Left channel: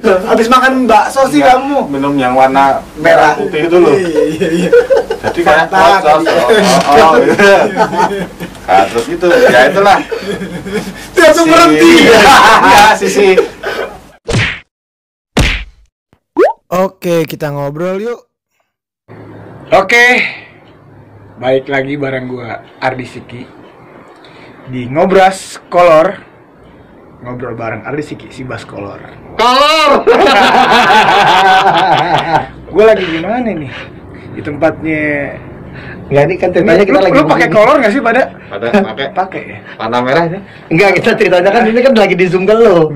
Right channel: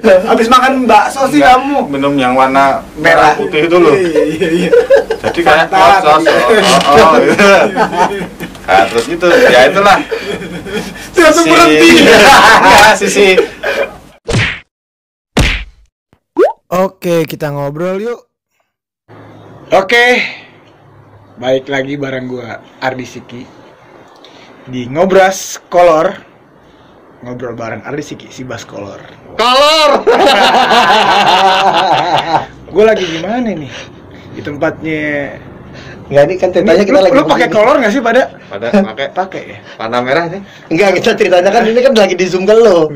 Habis makan bakso sih kamu minum yang warna merah putih itu loh. Iya. Jadi kayak Fanta. gitu. Nah, terus itu ya itulah. Langsung berhenti. Ya, sisi. Oke, kita ngobrol yuk. Oke. Baik lagi bareng gua Ardi Siki di Ngobras Kolor. Ngobrol bareng Ardi Siki si Bas Kolor. Kolor. Gue lagi gimana nih? Di tempatnya. Enggak, ini kan ceritanya kita lagi lu pakai kolor nggak sih pada Pakai ya? warna merah ini. enggak, kita ceritanya kan ini kan lagi di Zoom kan lo.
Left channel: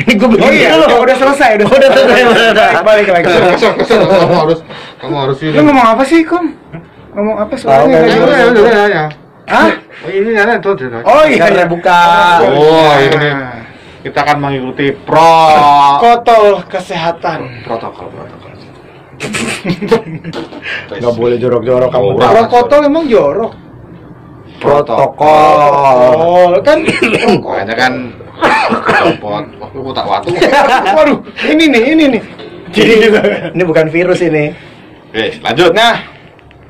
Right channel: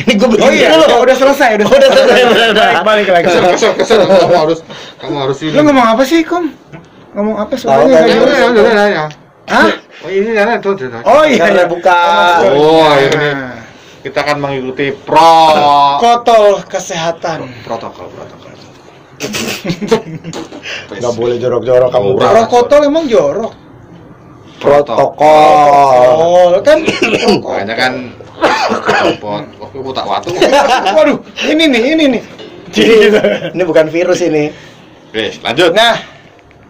Ini gue begini. Oh iya, udah selesai. Balik lagi. Kesel. Kamu harus ini. Lu ngomong apa sih, Kom? Ngomong apa soalnya? Ya. Hah? Oh ini kan tuh. Oh iya, Karena bukan. Oh ini. Kita akan mengikuti protokol kesehatan. Protokol. Enggak boleh jorok-jorok kamu. Protokol emang jorok. Protokol. Oh, kan. Makanya kan copot. Aku tak waktu. Waduh, ini nih. Jadi ini bukan virus ini. Oke, lanjut. Nah,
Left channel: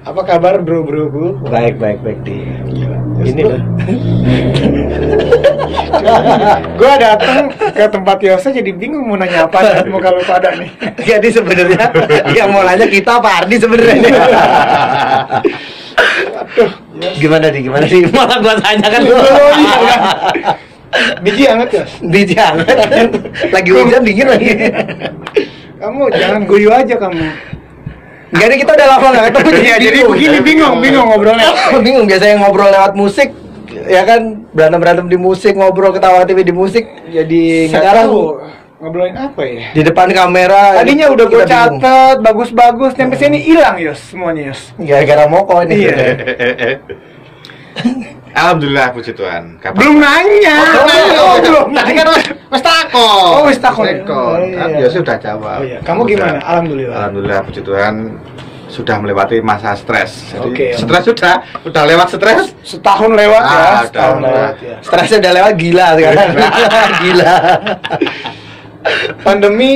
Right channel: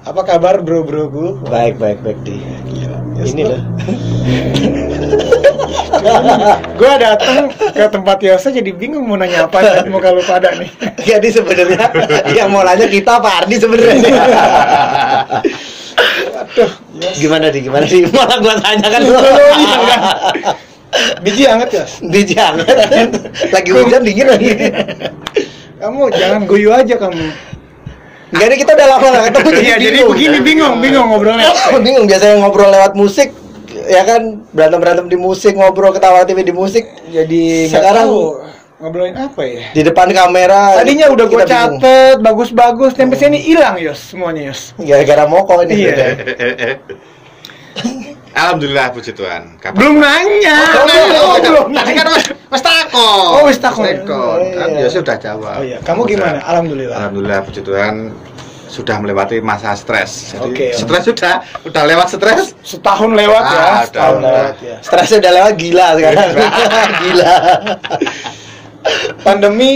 apa kabar bro-broku? Baik di. Ini loh. Gua datang ke tempat Yosa jadi bingung mau nanya apa mau kalau pada nih. Jadi sebenarnya yang mau nanya kita apa Ardi sebenarnya. Aduh, Gimana sih? Malah gua tanya kan. Oh, iya kan. Biji anget ya? Biji hangat. Lagi hujan dingin lagi. Kamu jangan guyu aja kamu. Enggak, ini kita udah lama enggak ketemu Iya, jadi begini bingung ngobrolnya. Bingung, biasanya ngobrol lewat musik ya kan, berantem di musik, ngobrol ketawa TV di musik. Jadi sekarang ngobrolin apa ya? di depan kamera. Tadinya udah gue kita bingung. catet bagus-bagus, sampai sini hilang Yos semuanya Yos. Gara-gara moko ini. Iya. Alhamdulillah puji Tuhan. Kapan? Belum nanya. Belum Tadi kan Mas Tako. Oh, wis takon. Kan Iya. ya sudah jawab. Oh iya, kamu gimana? Alhamdulillah. Alhamdulillah puji Tuhan sudah melewati masa stres. Jadi Oke. stres sudah lewat stres. Setahun lewat ya, Ah, setahun udah. lewat ya. Stresnya udah lewat, gila sekarang. Gila. Pandemi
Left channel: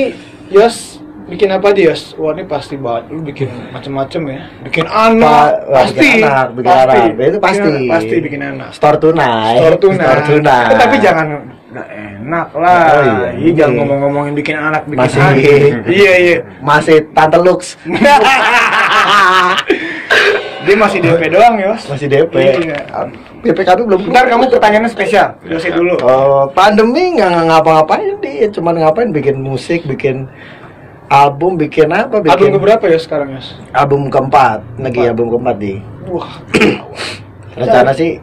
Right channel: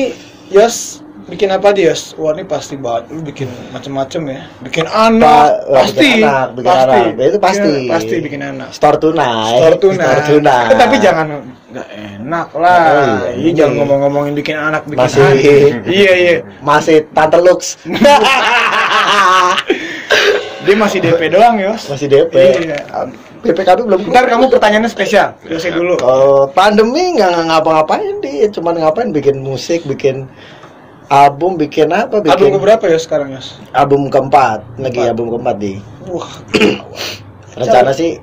Yos bikin apa dia Yos? Wah ini pasti banget, lu bikin macem-macem ya. Bikin anak, Bikin anak. Itu pasti. Ya, pasti bikin anak. Store tunai. Tapi jangan nggak enak lah. Oh, iya. Jangan ngomong-ngomongin bikin anak bikin Masih. anak. Iya. Masih Tante Lux. Dia masih DP doang Yos. Masih DP. Iya. PPKP belum. Ntar kamu pertanyaannya spesial. Yosi dulu. Oh, pandemi nggak ngapa-ngapain dia, cuman ngapain bikin musik, bikin album, bikin apa? Album keberapa ya sekarang Yos? Album keempat, lagi album keempat di. Wah. Rencana sih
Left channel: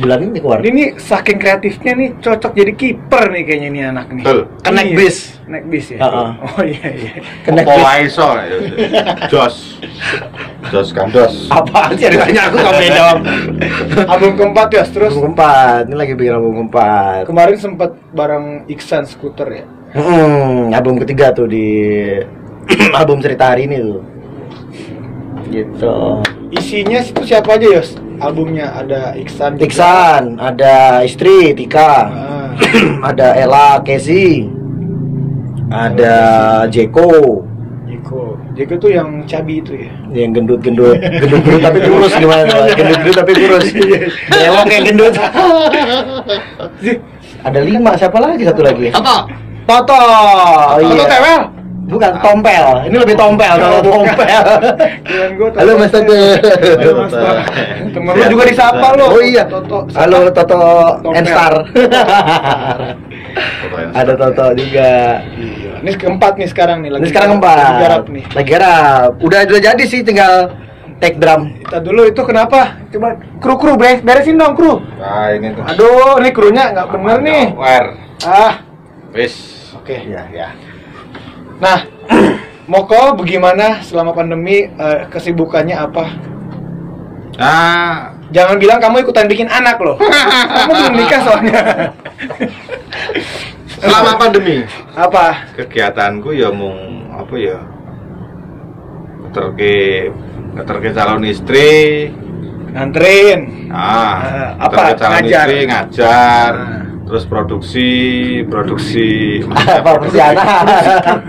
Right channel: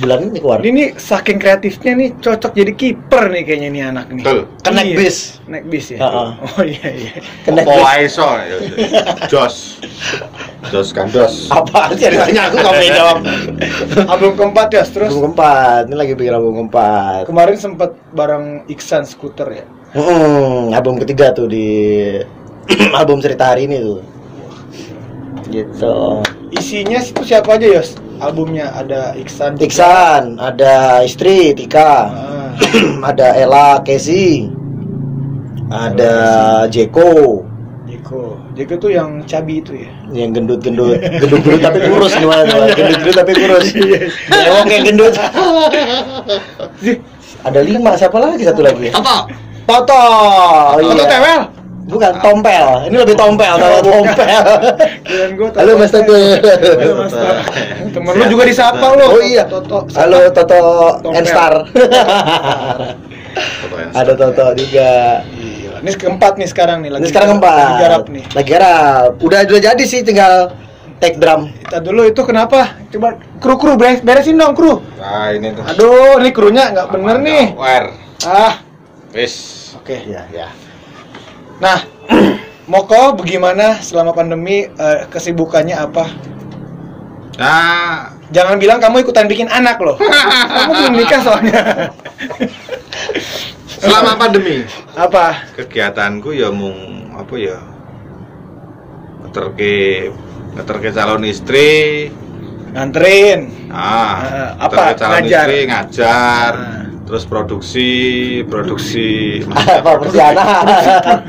bulan ini keluar. Ini saking kreatifnya nih cocok jadi kiper nih kayaknya ini anak nih. Betul. Kan naik Iya. bis. Naik bis ya. Heeh. Oh iya. Kena bis. Poaiso. Jos gandos. Apaan sih ditanya aku kamu yang jawab. Album keempat ya, terus Album keempat, ini lagi bikin album keempat. kemarin sempat bareng Iksan Scooter ya. Album ketiga tuh di album cerita hari ini tuh. Gitu. Isinya itu siapa aja Yos? Albumnya ada Iksan. Iksan, ada istri Tika, Ah, ada Ella Casey, ada Jeko, Jeko tuh yang cabi itu ya. yang gendut tapi kurus gimana? Gendut tapi kurus. Emang kayak gendut. Ada 5, siapa lagi satu lagi? Toto. Toto. Oh, Toto iya. Tewel. Bukan Tompel. Ini lebih Tompel, Toto Tompel. Kirain gua Toto. Halo Mas Toto. Halo Mas Toto. Temen lu juga disapa lu. Oh iya. Toto. Halo Toto Tompel. Enstar. Ada Toto juga. Iya. Ini keempat nih sekarang nih. Ini sekarang keempat. Lagi garap nih. Lagi garap. Udah jadi sih, tinggal take drum. Kita dulu itu kenapa? Coba kru beresin dong kru. Nah, ini tuh. Aduh, ini krunya nggak bener nih. Ah, Wis. oke. Iya. Nah, Moko bagaimana selama pandemi, kesibukannya apa? Nah, Jangan bilang kamu ikutan bikin anak loh. Kamu belum nikah soalnya. selama pandemi Apa? kegiatanku ya mung apa ya? Ngeterke calon istri. Nganterin. Nah, Apa? ngeterke calon Ngajar? istri ngajar. Terus produksi Apa persianan?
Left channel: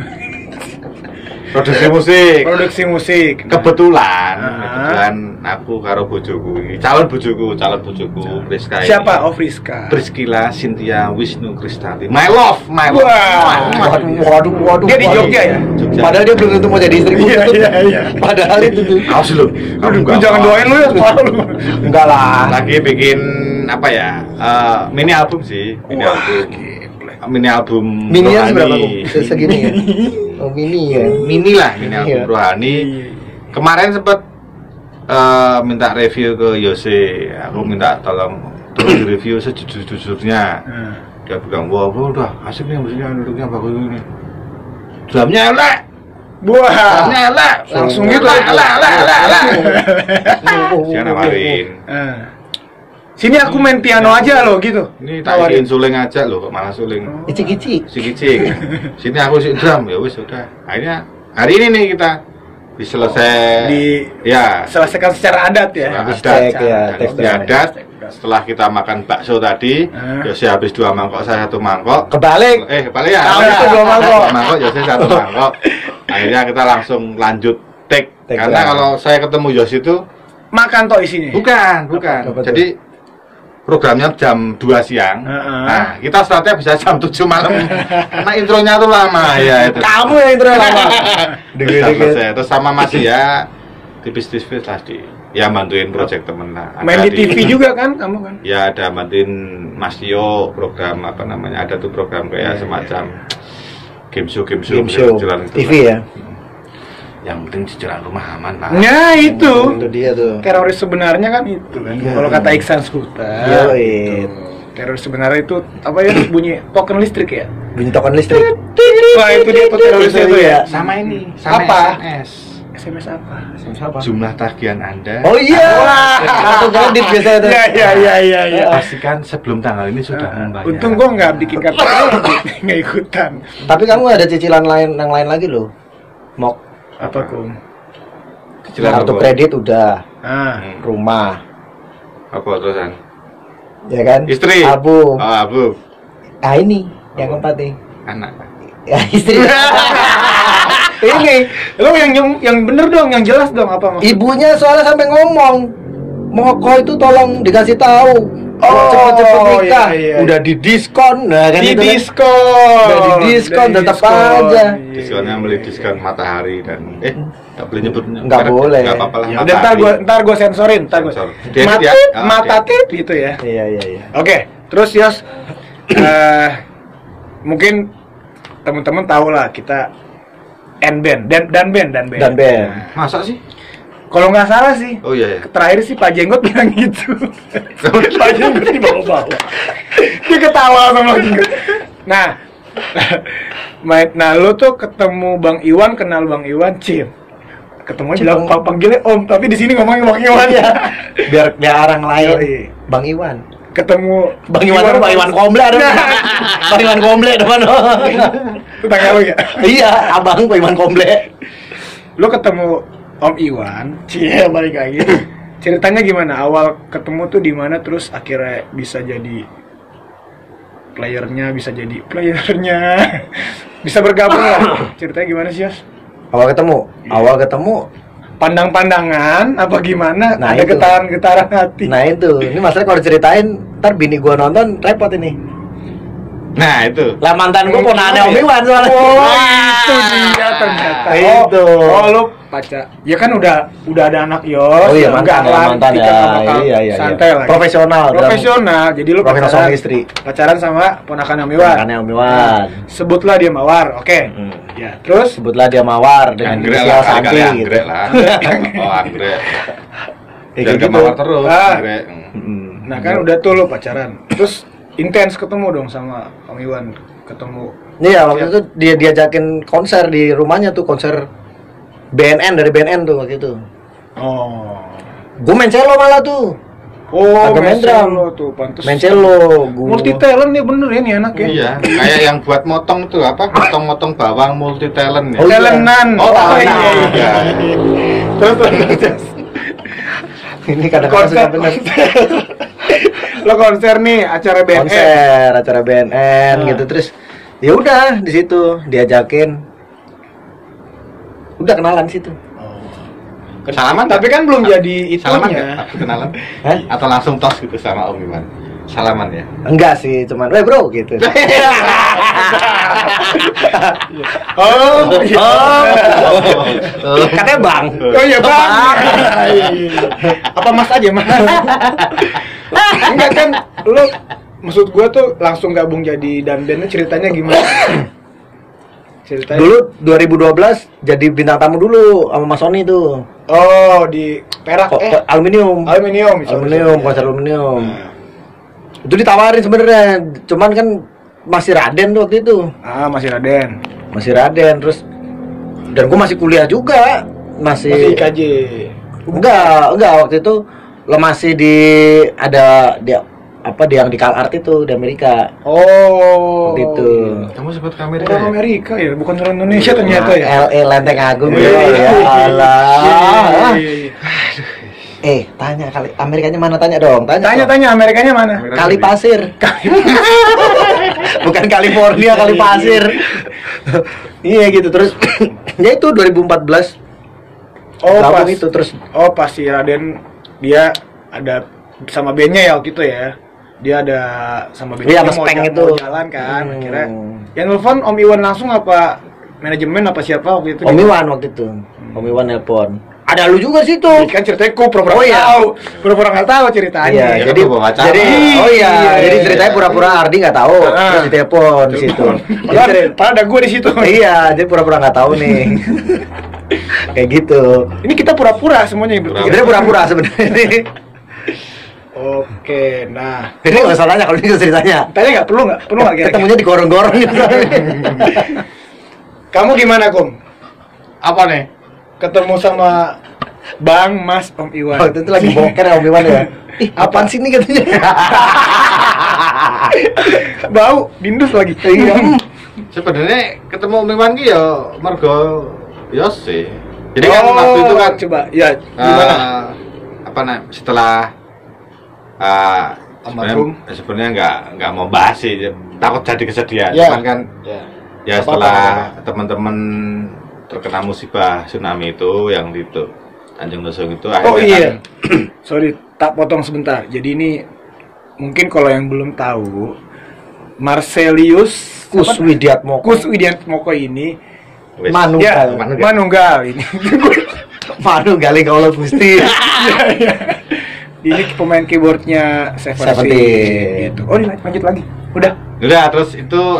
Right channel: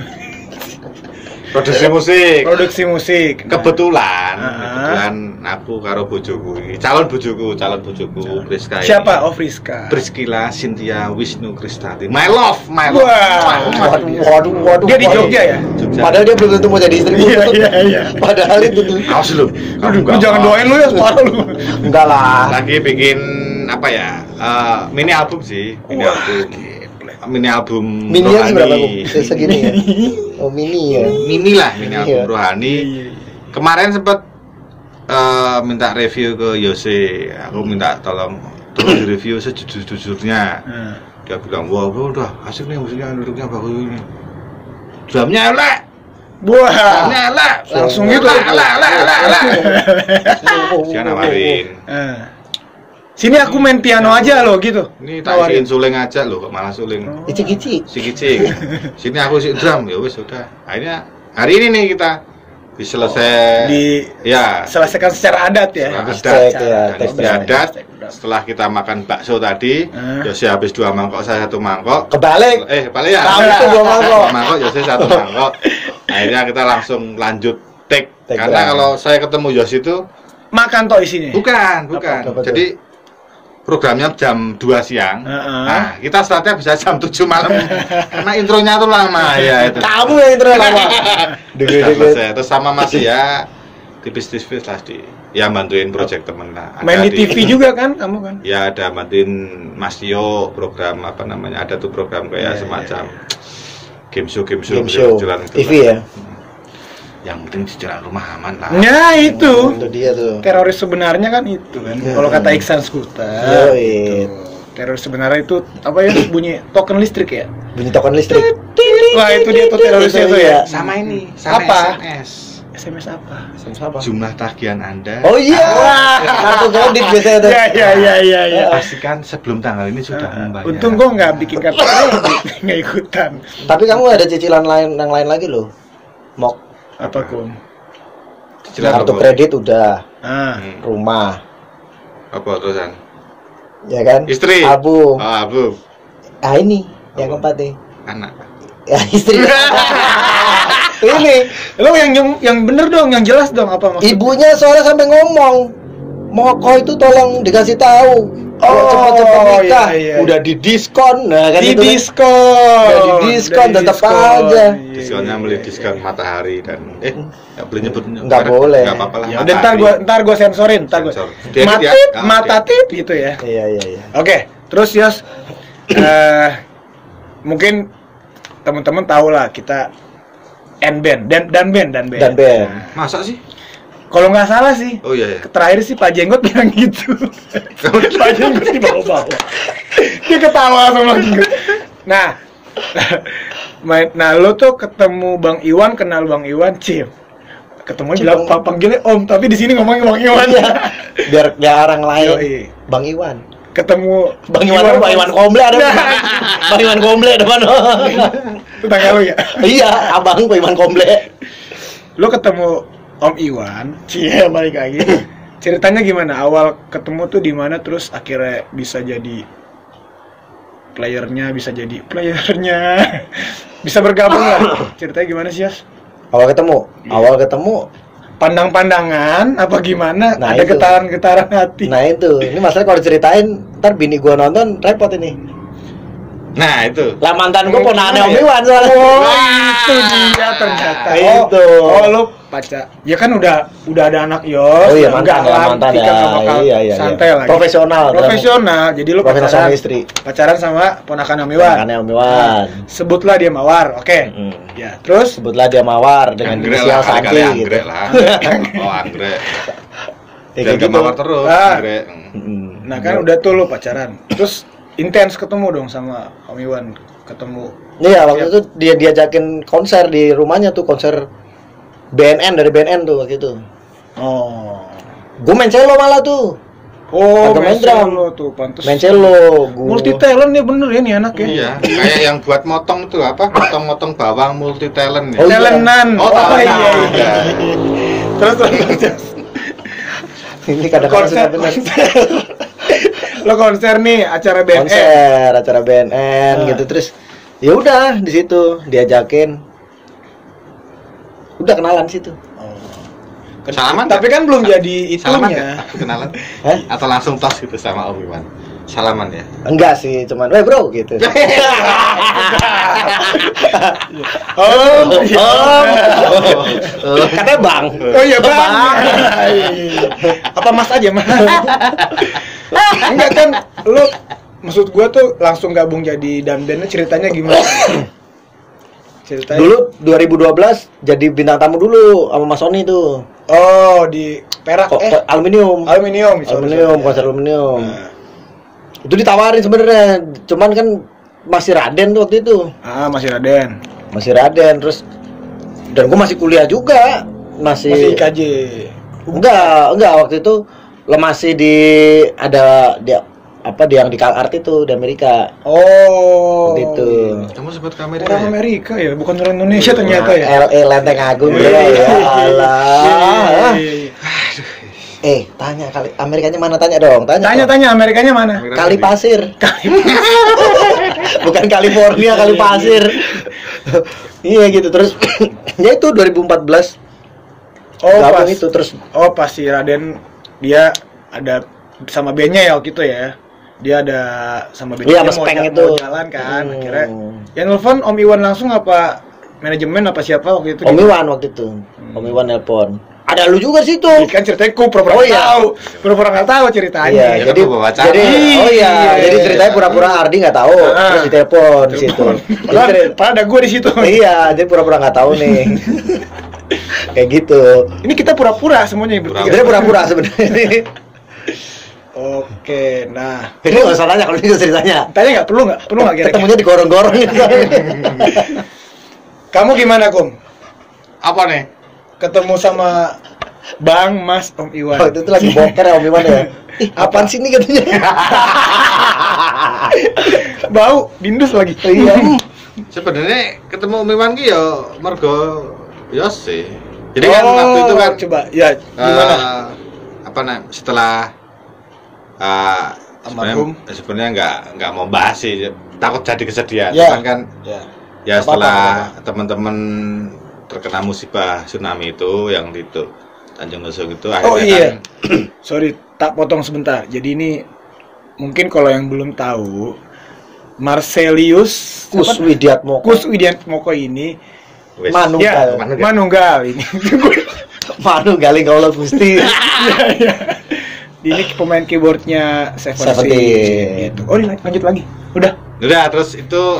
produksi musik. Kebetulan aku karo calon bojoku Priska. Siapa? Oh, Priska. Priscilla Cynthia Wisnu Kristati. My love. Waduh. Dia di Jogja ya? Jogja. Padahal dia belum tentu mau jadi istri gue. Iya. Padahal itu tuh. Awas lu. Kamu Lu jangan doain lu ya sekarang lu. Enggak lah. Lagi bikin apa ya? Mini album sih. Mini album Mininya Rohani. seberapa kok? Segini ya? Oh mini ya? Mini album Rohani. Kemarin sempat minta review ke Yose. Aku minta tolong review sejujur-jujurnya. Dia bilang, wah bro, udah asik nih musiknya, liriknya bagus ini. Drumnya elek. Drumnya elek. Langsung gitu. Elek. Dia nawarin. Sini aku main piano aja loh gitu. Ini tak ingin suling aja loh, kok malah suling. Icik-icik. Cik. Sini aku sih drum, ya wis udah. Akhirnya hari ini nih kita selesaikan secara adat ya. Secara adat. Setelah kita makan bakso tadi, Yose habis 2 mangkok, saya 1 mangkok. Kebalik ya. Kamu itu 2 mangkok, Yose 1 mangkok. Akhirnya kita langsung lanjut take. Karena kalau saya ketemu Yose itu makan toh isinya. Bukan. Jadi programnya jam 2 siang. Nah, kita startnya bisa jam 7 malam. Karena intronya tuh lama ya itu. Kamu yang intro lama. Selesai. Terus sama masih ya tipis-tipis lah ya bantuin project temen lah. Main di TV juga kan kamu kan? Ya ada bantuin Mas Tio program apa namanya, ada tuh program kayak semacam game show jalan TV ya. Yang penting jalan rumah aman lah. Nah itu dia tuh. Teroris sebenarnya kan itu kan. Kalau kata Iksan Skuter. Teroris sebenarnya itu apa ya, bunyi token listrik ya? Bunyi token listrik. Wah itu dia tuh terorisnya itu ya. Sama ini. Apa? SMS apa? Jumlah tagihan Anda. Oh iya. Kartu kredit biasanya tuh. Iya. Pastikan sebelum tanggal ini sudah membayar. Untung gua nggak bikin kartu kredit, nggak ikutan. Tapi kamu ada cicilan yang lain lagi loh. Mok. Apa Kum? Cicilan kartu kredit udah. Rumah. Apa terusan? Ya kan? Istri. Abung. Abung. Ah ini yang keempat nih. Anak. Ya istri. Ini lo yang bener dong, yang jelas dong apa maksudnya? Ibunya soalnya sampai ngomong, Moko itu tolong dikasih tahu. Cepet-cepet nikah. Iya. Udah di diskon, nah kan di itu diskon. Udah di diskon tetap aja. Diskonnya beli diskon Matahari dan nggak boleh nyebut. Nggak boleh. Nggak apa-apa lah. Ya udah ntar gua sensorin, mata tip gitu ya. Iya. Oke, terus Yos, mungkin teman-teman tahu lah kita band. Masa sih? Kalau nggak salah sih. Oh iya. Terakhir sih Pak Jenggot bilang gitu. Pak Jenggot di bawah. Dia ketawa sama Jenggot. Nah, lo tuh ketemu Bang Iwan, kenal Bang Iwan, Cip. Ketemu bilang panggilnya Om, tapi di sini ngomongin Bang Iwan ya. Biar nggak orang lain. Bang Iwan. Ketemu Bang Iwan Komble ada. Bang Iwan Komble depan lo. Tetangga lo ya? Iya, abang Bang Iwan Komble. Lo ketemu Om Iwan, balik lagi. Ceritanya gimana? Awal ketemu tuh di mana, terus akhirnya bisa jadi playernya, bisa bergabung lah. Ceritanya gimana sih, Yos? Awal ketemu pandang-pandangan apa gimana? Nah, ada itu. getaran hati. Nah itu, ini masalah kalau ceritain, ntar bini gua nonton repot ini. Nah itu. Lah mantan gua ponakannya Om Iwan soalnya. Itu dia ternyata. Itu. Lu pacar. Ya kan udah ada anak Yos. Oh iya, enggak mantan kita nggak bakal iya. santai lah. Profesional. Jadi lu profesional sama istri. Pacaran sama ponakan Om Iwan. Sebutlah dia Mawar. Oke. Ya, terus sebutlah dia Mawar dengan inisial Santi gitu. Anggrek. Kayak gitu. Mawar terus. Nah, kan udah tuh lu pacaran. Terus intens ketemu dong sama Om Iwan, ketemu. Iya, waktu itu dia diajakin konser di rumahnya tuh, konser dari BNN tuh waktu itu. Oh. Gue main cello malah tuh. Oh, main drum lo tuh, pantes. Main cello. Multi talent nih bener ya nih anak ya. Iya, kayak yang buat motong tuh apa? Motong bawang multi talent ya. Oh, talentan. Iya. Terus. Ini kadang-kadang sudah benar. Lo konser nih, acara BNN. Konser, acara BNN gitu terus ya udah di situ diajakin. Udah kenalan situ. Salaman tapi kan belum jadi itunya. Salaman nggak? Aku kenalan? Atau langsung tos gitu sama Om Iwan? Salaman ya? Enggak sih, cuman bro gitu. Katanya bang. Oh iya bang. Apa mas aja mas? Enggak kan, lo maksud gua tuh langsung gabung jadi dan bandnya ceritanya gimana? Ceritanya? Dulu 2012 jadi bintang tamu dulu sama Mas Sony tuh. Oh di Perak aluminium. Aluminium, konser aluminium. Itu ditawarin sebenarnya, cuman kan masih Raden tuh waktu itu. Masih Raden. Masih Raden terus dan gua masih kuliah juga, masih IKJ. Enggak waktu itu lo masih di ada yang di CalArt itu di Amerika. Oh. Gitu. Kamu sebut ke Amerika? Orang Amerika ya, bukan orang Indonesia ternyata ya. LA Lenteng Agung ya. Ya Allah. Tanya kali Amerikanya mana, tanya dong. Tanya Amerikanya mana? Kali Pasir. Bukan California, Kali Pasir. Iya gitu terus. Ya itu 2014. Pas itu terus. Pas si Raden dia ada sama bandnya ya waktu itu ya. Dia ada sama bandnya mau jalan kan. Akhirnya yang nelfon Om Iwan langsung apa manajemen apa siapa waktu itu? Om Iwan waktu itu. Om Iwan nelpon. Ada lu juga sih tuh. Kan ceritanya pura-pura tahu. Pura-pura nggak tahu ceritanya. Iya, jadi ceritanya pura-pura Ardi nggak tahu. Terus ditelepon di situ. Padahal ada gue di situ. Iya, jadi pura-pura nggak tahu nih. Kayak gitu. Ini kita pura-pura semuanya ibu. Jadi pura-pura sebenarnya. Oke, nah. Ini nggak salahnya kalau itu ceritanya. Tanya nggak perlu nggak? Ketemunya di gorong-gorong gitu. Kamu gimana, Kum? Apa nih? Ketemu sama Bang Mas Om Iwan. Waktu itu lagi boker ya Om Iwan ya. Apaan sih ini katanya? Bau, dindus lagi. Iya. Sebenarnya ketemu Om Iwan ki ya mergo Yose. Jadi kan waktu itu kan coba ya gimana? Setelah sebenarnya nggak mau bahas sih, takut jadi kesedihan. Cuman kan ya setelah teman-teman terkena musibah tsunami itu yang di Tanjung Lesung itu akhirnya sorry tak potong sebentar. Jadi ini mungkin kalau yang belum tahu Marcelius Kuswidiatmoko ini Manunggal ini. Manunggal kalau Gusti. Ini pemain keyboardnya Seventeen gitu. Oh lanjut lagi. Udah terus itu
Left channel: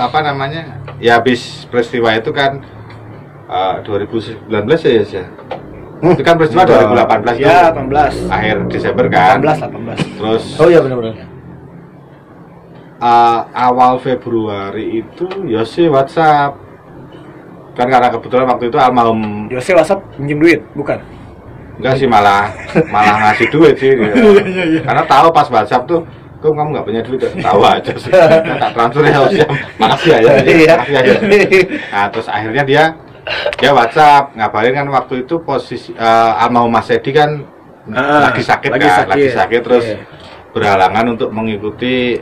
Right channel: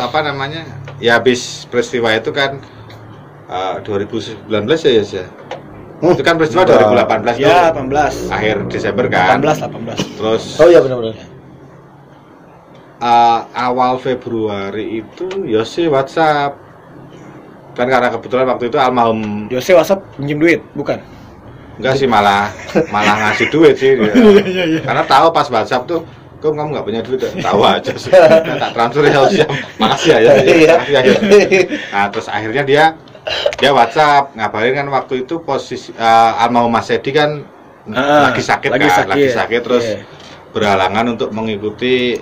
ya habis peristiwa itu kan 2019 ya. Itu kan peristiwa 2018 ya, 18 akhir Desember kan. 18. Terus iya benar. Awal Februari itu Yose WhatsApp. Kan karena kebetulan waktu itu almarhum Yose WhatsApp pinjam duit, bukan? Enggak sih, malah ngasih duit sih dia. Iya. Karena tahu pas WhatsApp tuh, kamu nggak punya duit, tahu aja sih. Tak transfer ya, makasih ya. Nah terus akhirnya dia WhatsApp ngabarin kan waktu itu posisi almarhum Mas Edi kan lagi sakit terus berhalangan untuk mengikuti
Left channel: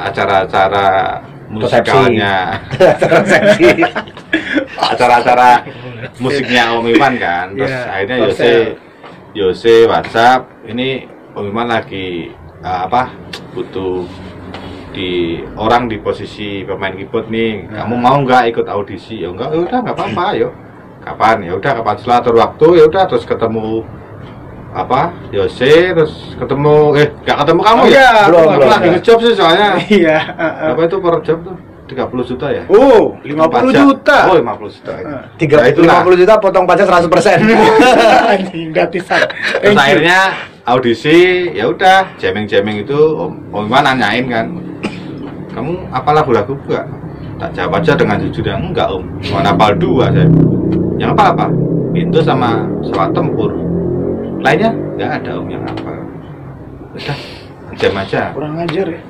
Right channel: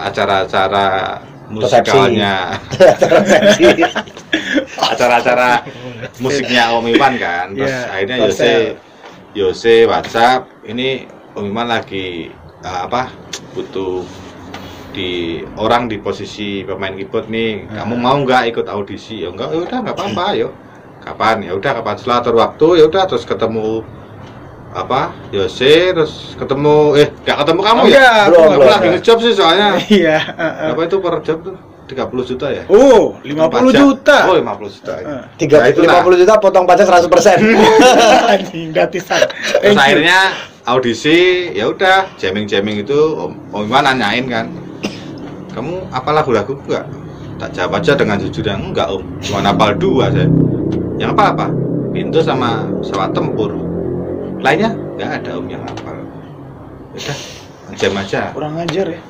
acara-acara musikalnya, acara-acara musiknya Om Iwan kan. Terus akhirnya Yose WhatsApp, ini Om Iwan lagi butuh orang di posisi pemain keyboard nih, kamu mau nggak ikut audisi? Ya enggak, udah nggak apa-apa, ayo. Kapan? Ya udah, kapan setelah atur waktu, ya udah terus ketemu Yose, terus ketemu nggak ketemu kamu ya? Belum lagi ngejob sih soalnya. Iya. Apa itu per job tuh? 30 juta ya? 50 juta. 50 juta. 50 juta potong pajak 100%. Anjing gratisan. Terus akhirnya audisi, ya udah jamming itu Om Iwan nanyain kan, kamu apa lagu-lagu enggak? Tak jawab aja dengan jujur, yang enggak Om, cuma hafal 2 saya. Yang apa? Pintu sama pesawat tempur. Lainnya enggak ada Om yang apa. Udah jam aja. Kurang ngajar ya.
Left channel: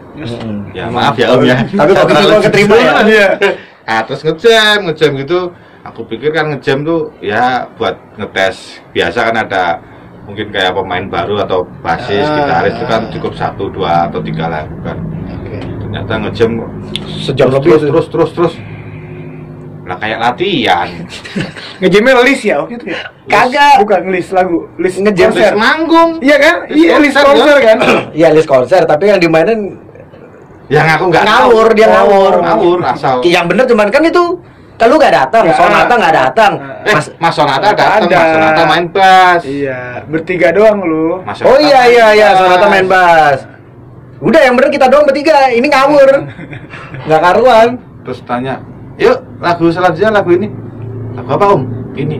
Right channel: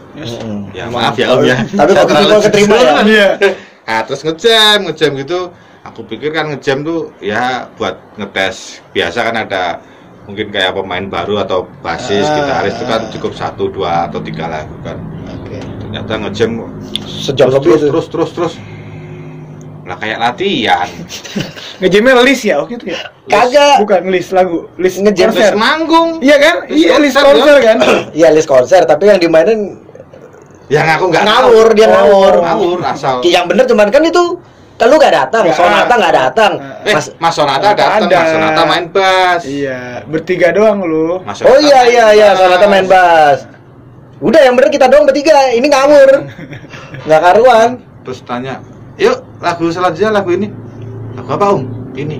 Ya maaf ya Om ya. Tapi waktu itu keterima ya. Iya. Nah terus ngejam gitu. Aku pikir kan ngejam tuh ya buat ngetes. Biasa kan ada mungkin kayak pemain baru atau basis gitaris itu kan cukup 1, 2 atau 3 lagu kan. Ternyata ngejam Sejam terus lah kayak latihan. Ngejamnya list ya waktu itu ya? Kagak. Bukan list lagu, list Ngejam konser. List manggung. Iya kan? Iya list konser kan? Iya list konser, tapi yang dimainin Yang aku nggak ngawur, dia ngawur asal. Yang bener cuman kan itu kalau nggak datang, Sonata nggak datang. Mas Sonata datang, Ada. Mas Sonata main bass. Iya, bertiga doang lu. Mas Oh Sonata main iya, bass. Sonata main bass. Udah yang bener kita doang bertiga, ini ngawur. Nggak karuan. Terus tanya, yuk lagu selanjutnya lagu ini. Lagu apa Om? Ini.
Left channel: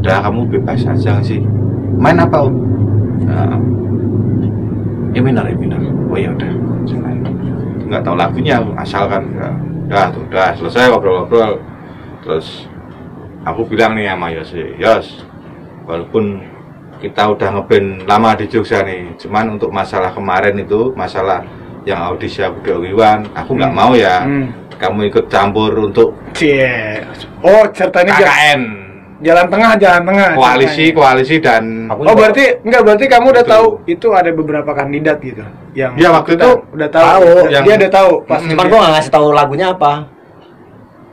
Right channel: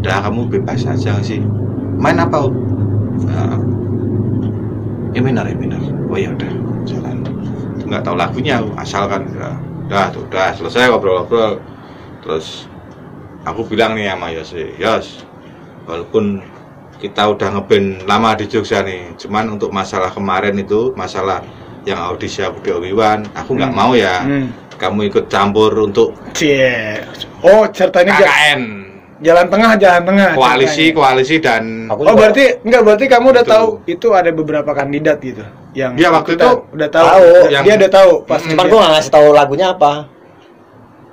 Udah kamu bebas aja sih. Main apa Om? E minor. Oh ya udah, jalan. Nggak tahu lagunya, asalkan udah selesai ngobrol-ngobrol. Terus aku bilang nih sama Yos, walaupun kita udah ngeband lama di Jogja nih, cuman untuk masalah kemarin itu, masalah yang audisi aku di Owiwan, aku nggak mau ya. Kamu ikut campur untuk Oh, ceritanya KKN, jalan tengah. koalisi dan Oh, berarti kamu udah tahu itu ada beberapa kandidat gitu. Yang ya waktu itu udah tahu. yang Dia udah tahu pas. Cuman gua nggak ngasih tahu lagunya apa.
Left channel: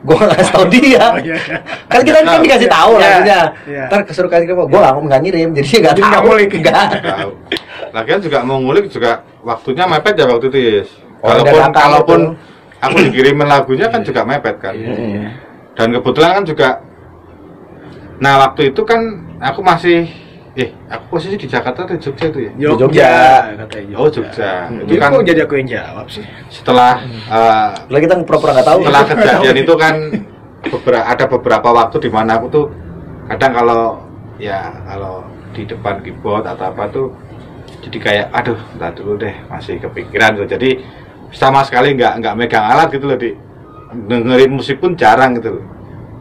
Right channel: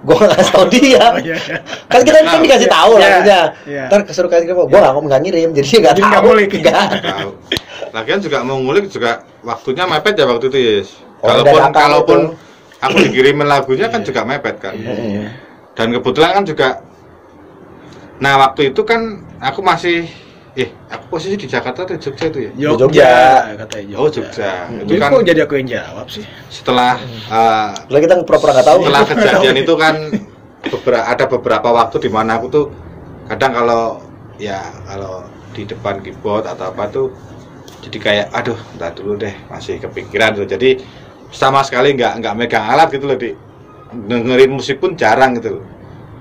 Gua nggak ngasih tahu dia. Kan kita kan dikasih tahu lagunya. Ntar kesuruh kasih kirim, gua nggak ngirim, jadi dia nggak tahu. Nggak. tahu. Lagian juga mau ngulik juga waktunya mepet ya waktu itu Yes. Oh, Kalaupun aku dikirimin lagunya kan juga mepet kan. Dan kebetulan kan juga. Nah waktu itu kan aku masih, aku posisi di Jakarta atau Jogja itu ya? Jogja. Katanya Jogja. Oh Jogja. Itu Jadi kan kok jadi aku yang jawab sih? setelah Lah kita pura-pura nggak tahu. setelah kejadian itu kan ada beberapa waktu di mana aku tuh kadang kalau di depan keyboard atau apa tuh jadi kayak aduh entar dulu deh masih kepikiran tuh. Jadi sama sekali nggak megang alat gitu loh, dengerin musik pun jarang gitu loh.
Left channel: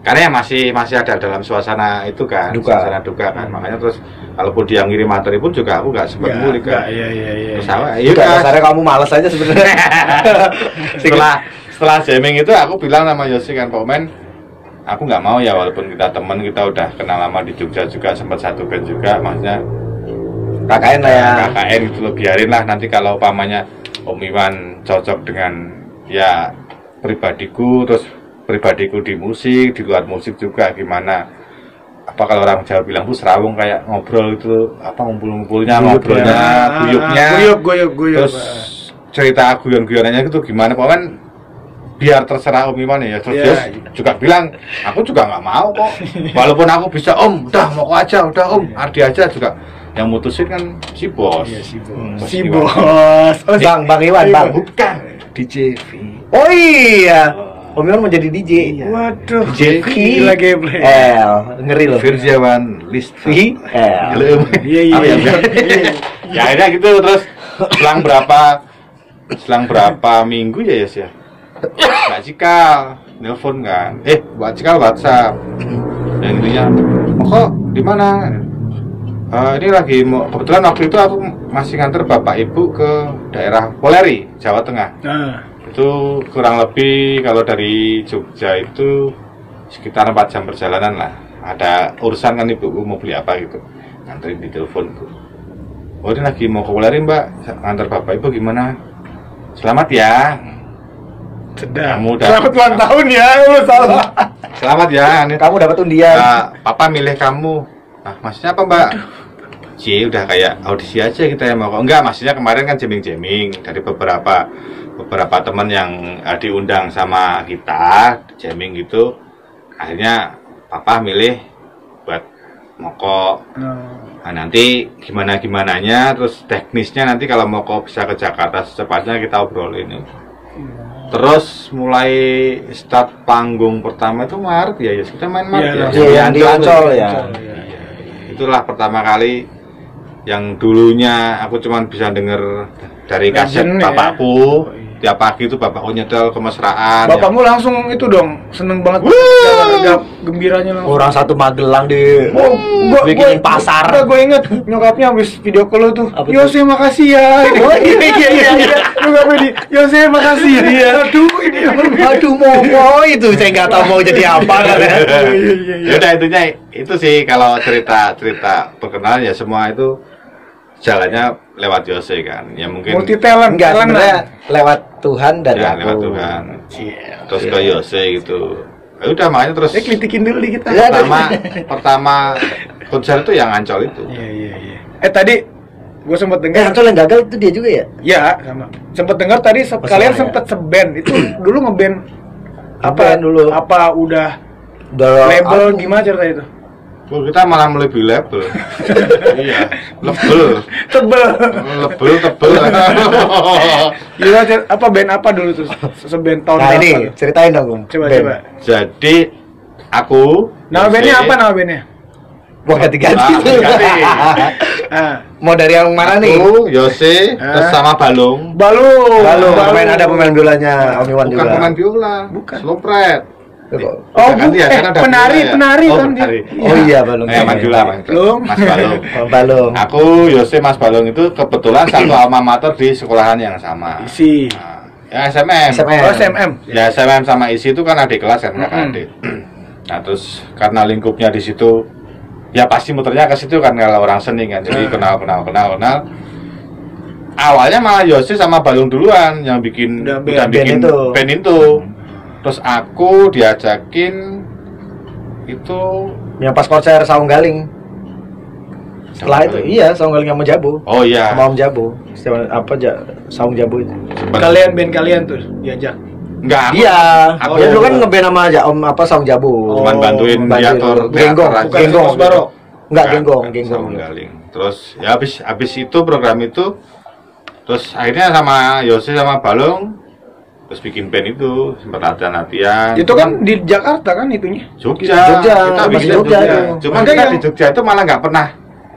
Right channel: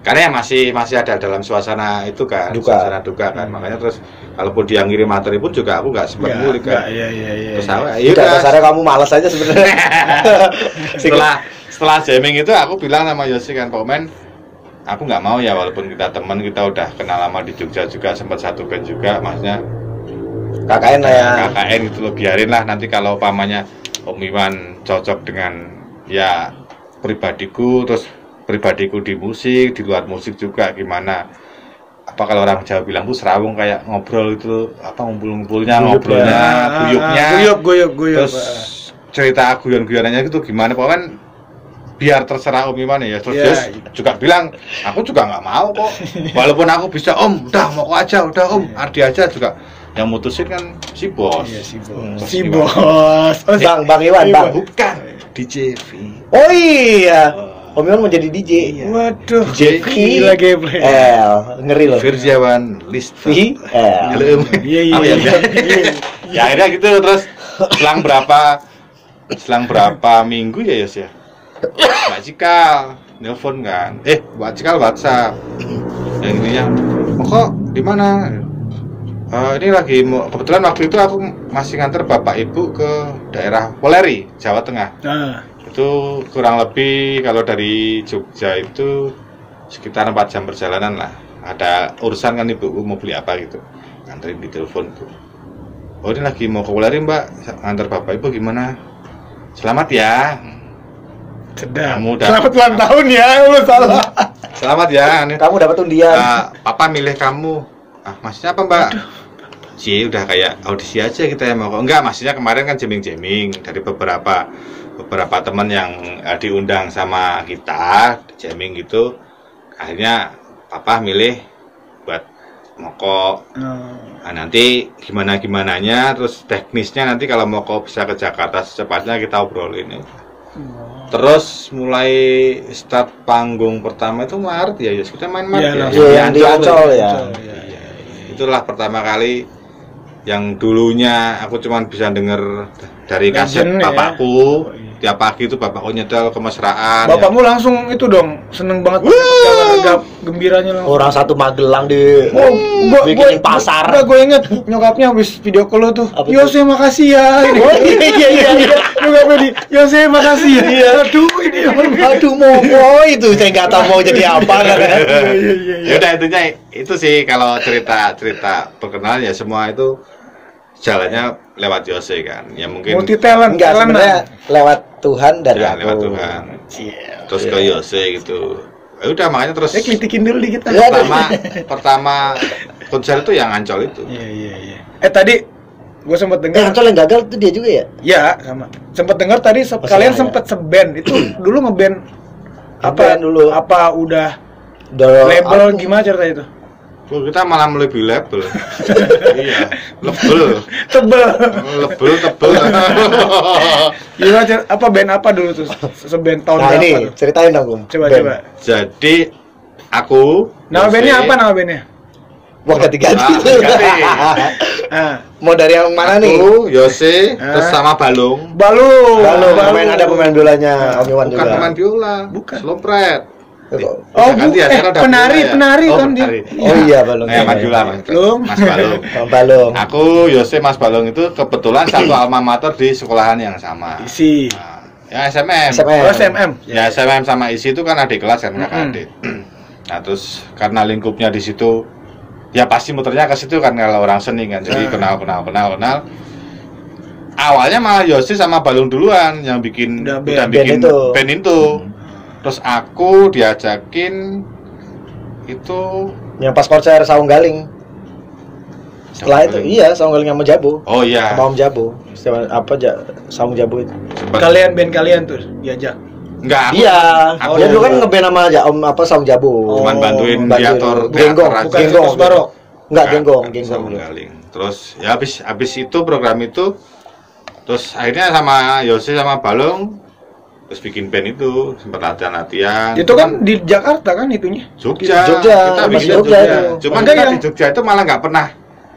Karena ya masih ada dalam suasana itu kan, suasana duka kan. Makanya terus kalaupun dia ngirim materi pun juga aku nggak sempat ngulik kan. Iya. Terus aku, Dasarnya kamu malas aja sebenarnya. setelah jamming itu aku bilang sama Yosi kan, Pak Men, aku nggak mau ya walaupun kita teman, kita udah kenal lama di Jogja juga, sempat satu band juga, maksudnya KKN lah ya. KKN itu lo biarin lah, nanti kalau pamannya Om Iwan cocok dengan ya pribadiku, terus pribadiku di musik, di luar musik juga gimana, apa kalau orang Jawa bilang tuh serawung kayak ngobrol itu, apa ngumpulnya ngobrolnya, guyup. Terus cerita guyon-guyonannya itu gimana Pak Man, biar terserah Om Iwan ya. Terus Yos juga bilang, aku juga nggak mau kok, walaupun aku bisa Om, udah mau kok aja, udah Om, Ardi aja juga. Yang mutusin kan si bos. Si bos. Bang Iwan, Bang. Bukan DJ V. Oh iya. Om Iwan mau jadi DJ. Waduh. DJ V. Gila gameplay. Ngeri loh. Firjawan List V. Iya. Ya akhirnya gitu. Terus selang berapa minggu ya Yes ya, Mbak Cikal nelpon kan, Mbak Cikal WhatsApp yang intinya, kok di mana? Ini lagi kebetulan waktu itu aku masih nganter bapak ibu ke daerah Polri, Jawa Tengah. Itu kurang lebih kalau dari Jogja itu sekitar 4 jam perjalanan lah. Ada urusan kan ibuku mau beli apa gitu, nganterin di telepon tuh. Oh ini lagi mau ke Polri Mbak, nganter bapak ibu gimana? Selamat ya. Selamat ulang tahun ya, lu salah. Selamat ya. Kamu dapat undian. Papa milih kamu. Maksudnya apa Mbak? Sih udah kayak audisi aja kita ya mau. Enggak, maksudnya kemarin kan jamming dari beberapa teman yang diundang sama kita jamming gitu. Akhirnya Papa milih buat moko. Nah, nanti gimananya terus teknisnya nanti kalau moko bisa ke Jakarta secepatnya kita obrolin nih. Terus mulai start panggung pertama itu Maret ya, kita main Maret ya. Yang di Ancol ya. Itulah pertama kali yang dulunya aku cuma bisa denger dari kaset bapakku, tiap pagi itu bapakku nyetel kemesraan. Bapakmu langsung itu dong, seneng banget. Gembiranya langsung. Orang satu Magelang di bikin pasar. Gue inget nyokapnya habis video call itu. Yose makasih ya. Iya. Nyokapnya di Yose makasih ya. Aduh mau itu saya nggak tahu mau jadi apa kan. Ya udah intinya itu sih kalau cerita perkenalan ya semua itu jalannya lewat Yose kan. Ya mungkin multi talent enggak sebenarnya lewat Tuhan dari ya, aku. lewat Tuhan. Terus ke Yose gitu. Ya udah makanya terus kritikin dulu dikit. Pertama konser itu yang Ancol itu. Iya. Tadi gue sempat dengar Ancol yang gagal itu dia juga ya? Iya, sama. Sempat dengar tadi kalian sempat seband. Itu dulu ngeband apa dulu? Apa udah label gimana cerita itu? Kita malah lebih label. Iya, tebel. Gimana apa band apa dulu tuh? Seband tahun berapa? Nah ini ceritain dong, coba. Jadi aku nama bandnya apa nama bandnya? Wah ganti-ganti. Mau dari yang mana nih? Aku, Yose, terus sama Balung. Ada pemain biolanya, Om Iwan juga. Bukan pemain biola, Slopret. Penari kan dia. Oh iya Balung. Mas Balung. Balung. Aku Yose Mas Balung itu kebetulan satu alma mater di sekolahan yang sama. Isi. Ya SMM. Ya SMM sama Isi itu kan adik kelas kan adik. Nah terus karena lingkupnya di situ ya pasti muternya ke situ kan kalau orang seni kan. Jadi kenal. Awalnya malah Yose sama Balung duluan yang bikin band itu. Terus aku diajakin itu yang pas konser Saung Galing. Setelah itu iya Saung Galing sama Jabu. Oh iya. Sama Om Jabu. Saung Jabu itu. Band kalian tuh diajak. Enggak. Iya. Dia dulu kan ngeband sama Om Saung Jabu. Cuman bantuin diatur Genggong. Enggak Genggong. Saung Galing. Terus ya habis itu program itu terus akhirnya sama Yose sama Balung terus bikin band itu sempat latihan. Itu kan di Jakarta kan itunya? Jogja. Kita habis Jogja. Cuman kita di Jogja itu malah nggak pernah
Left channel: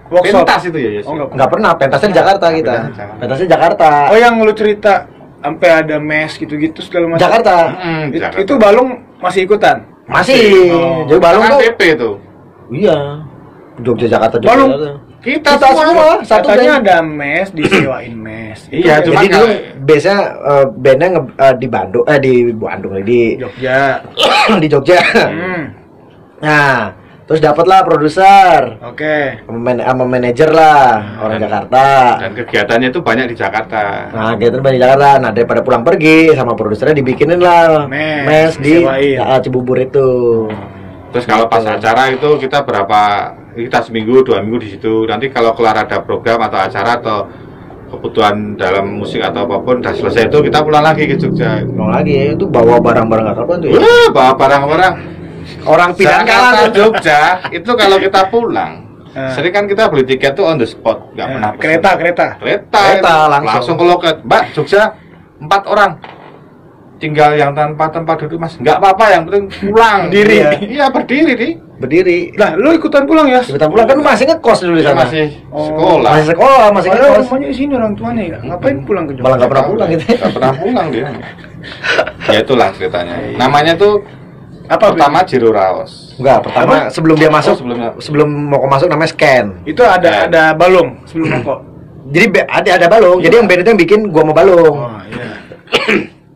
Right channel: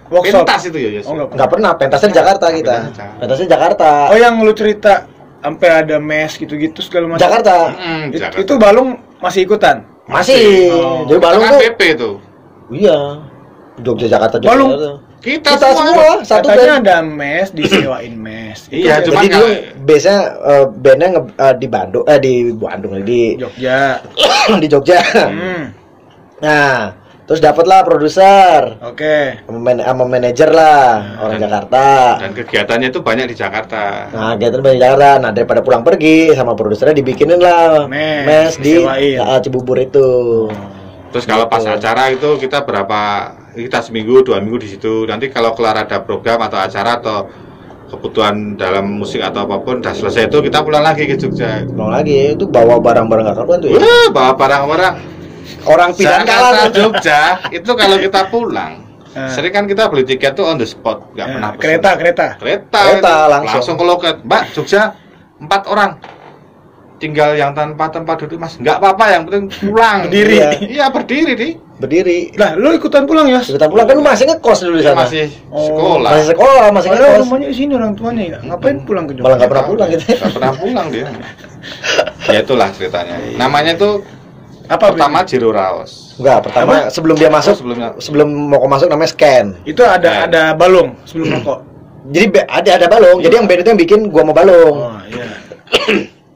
pentas itu ya. Nggak pernah, pentasnya di Jakarta kita. Pentasnya Jakarta. Oh yang lu cerita sampai ada mes gitu-gitu segala macam. Jakarta. Itu Balung masih ikutan? Masih. Jadi Balung kan PP itu. Iya. Jogja Jakarta. Balung. Kita semua satu katanya ada mes, disewain mes. Iya, cuma jadi dulu biasanya bandnya di Bandung, di Jogja. Di Jogja. Nah, terus dapatlah produser. Oke. Sama manajer lah orang Jakarta. Dan kegiatannya itu banyak di Jakarta. Nah, kegiatan banyak di Jakarta. Nah, daripada pulang pergi sama produsernya dibikinin lah mes di Cibubur itu. Terus kalau pas acara itu kita seminggu 2 minggu di situ. Nanti kalau kelar ada program atau acara atau kebutuhan dalam musik atau apapun udah selesai itu kita pulang lagi ke Jogja. Pulang lagi itu bawa barang-barang nggak kapan tuh ya? Bawa barang-barang. Orang pindah ke Jogja itu kalau kita pulang sering kan kita beli tiket tuh on the spot, nggak pernah pesen. Kereta langsung ke loket. Mbak Jogja 4 orang. Tinggal yang tanpa tempat duduk Mas, nggak apa-apa yang penting pulang. Berdiri. Lah, lu ikutan pulang ya? Ikutan pulang kan masih ngekos dulu ya, masih sekolah. Masih ngekos. Rumahnya di sini orang tuanya ya. Ngapain pulang ke Jogja? Malah nggak pernah pulang gitu. Nggak pernah pulang dia. Ya itulah ceritanya. Namanya tuh pertama Jiro Raos. Enggak, pertama sebelum dia masuk, sebelum mau masuk namanya Scan. Itu ada Balung sebelum Moko. Jadi ada Balung. Jadi yang band itu yang bikin gua sama Balung. Oh, iya.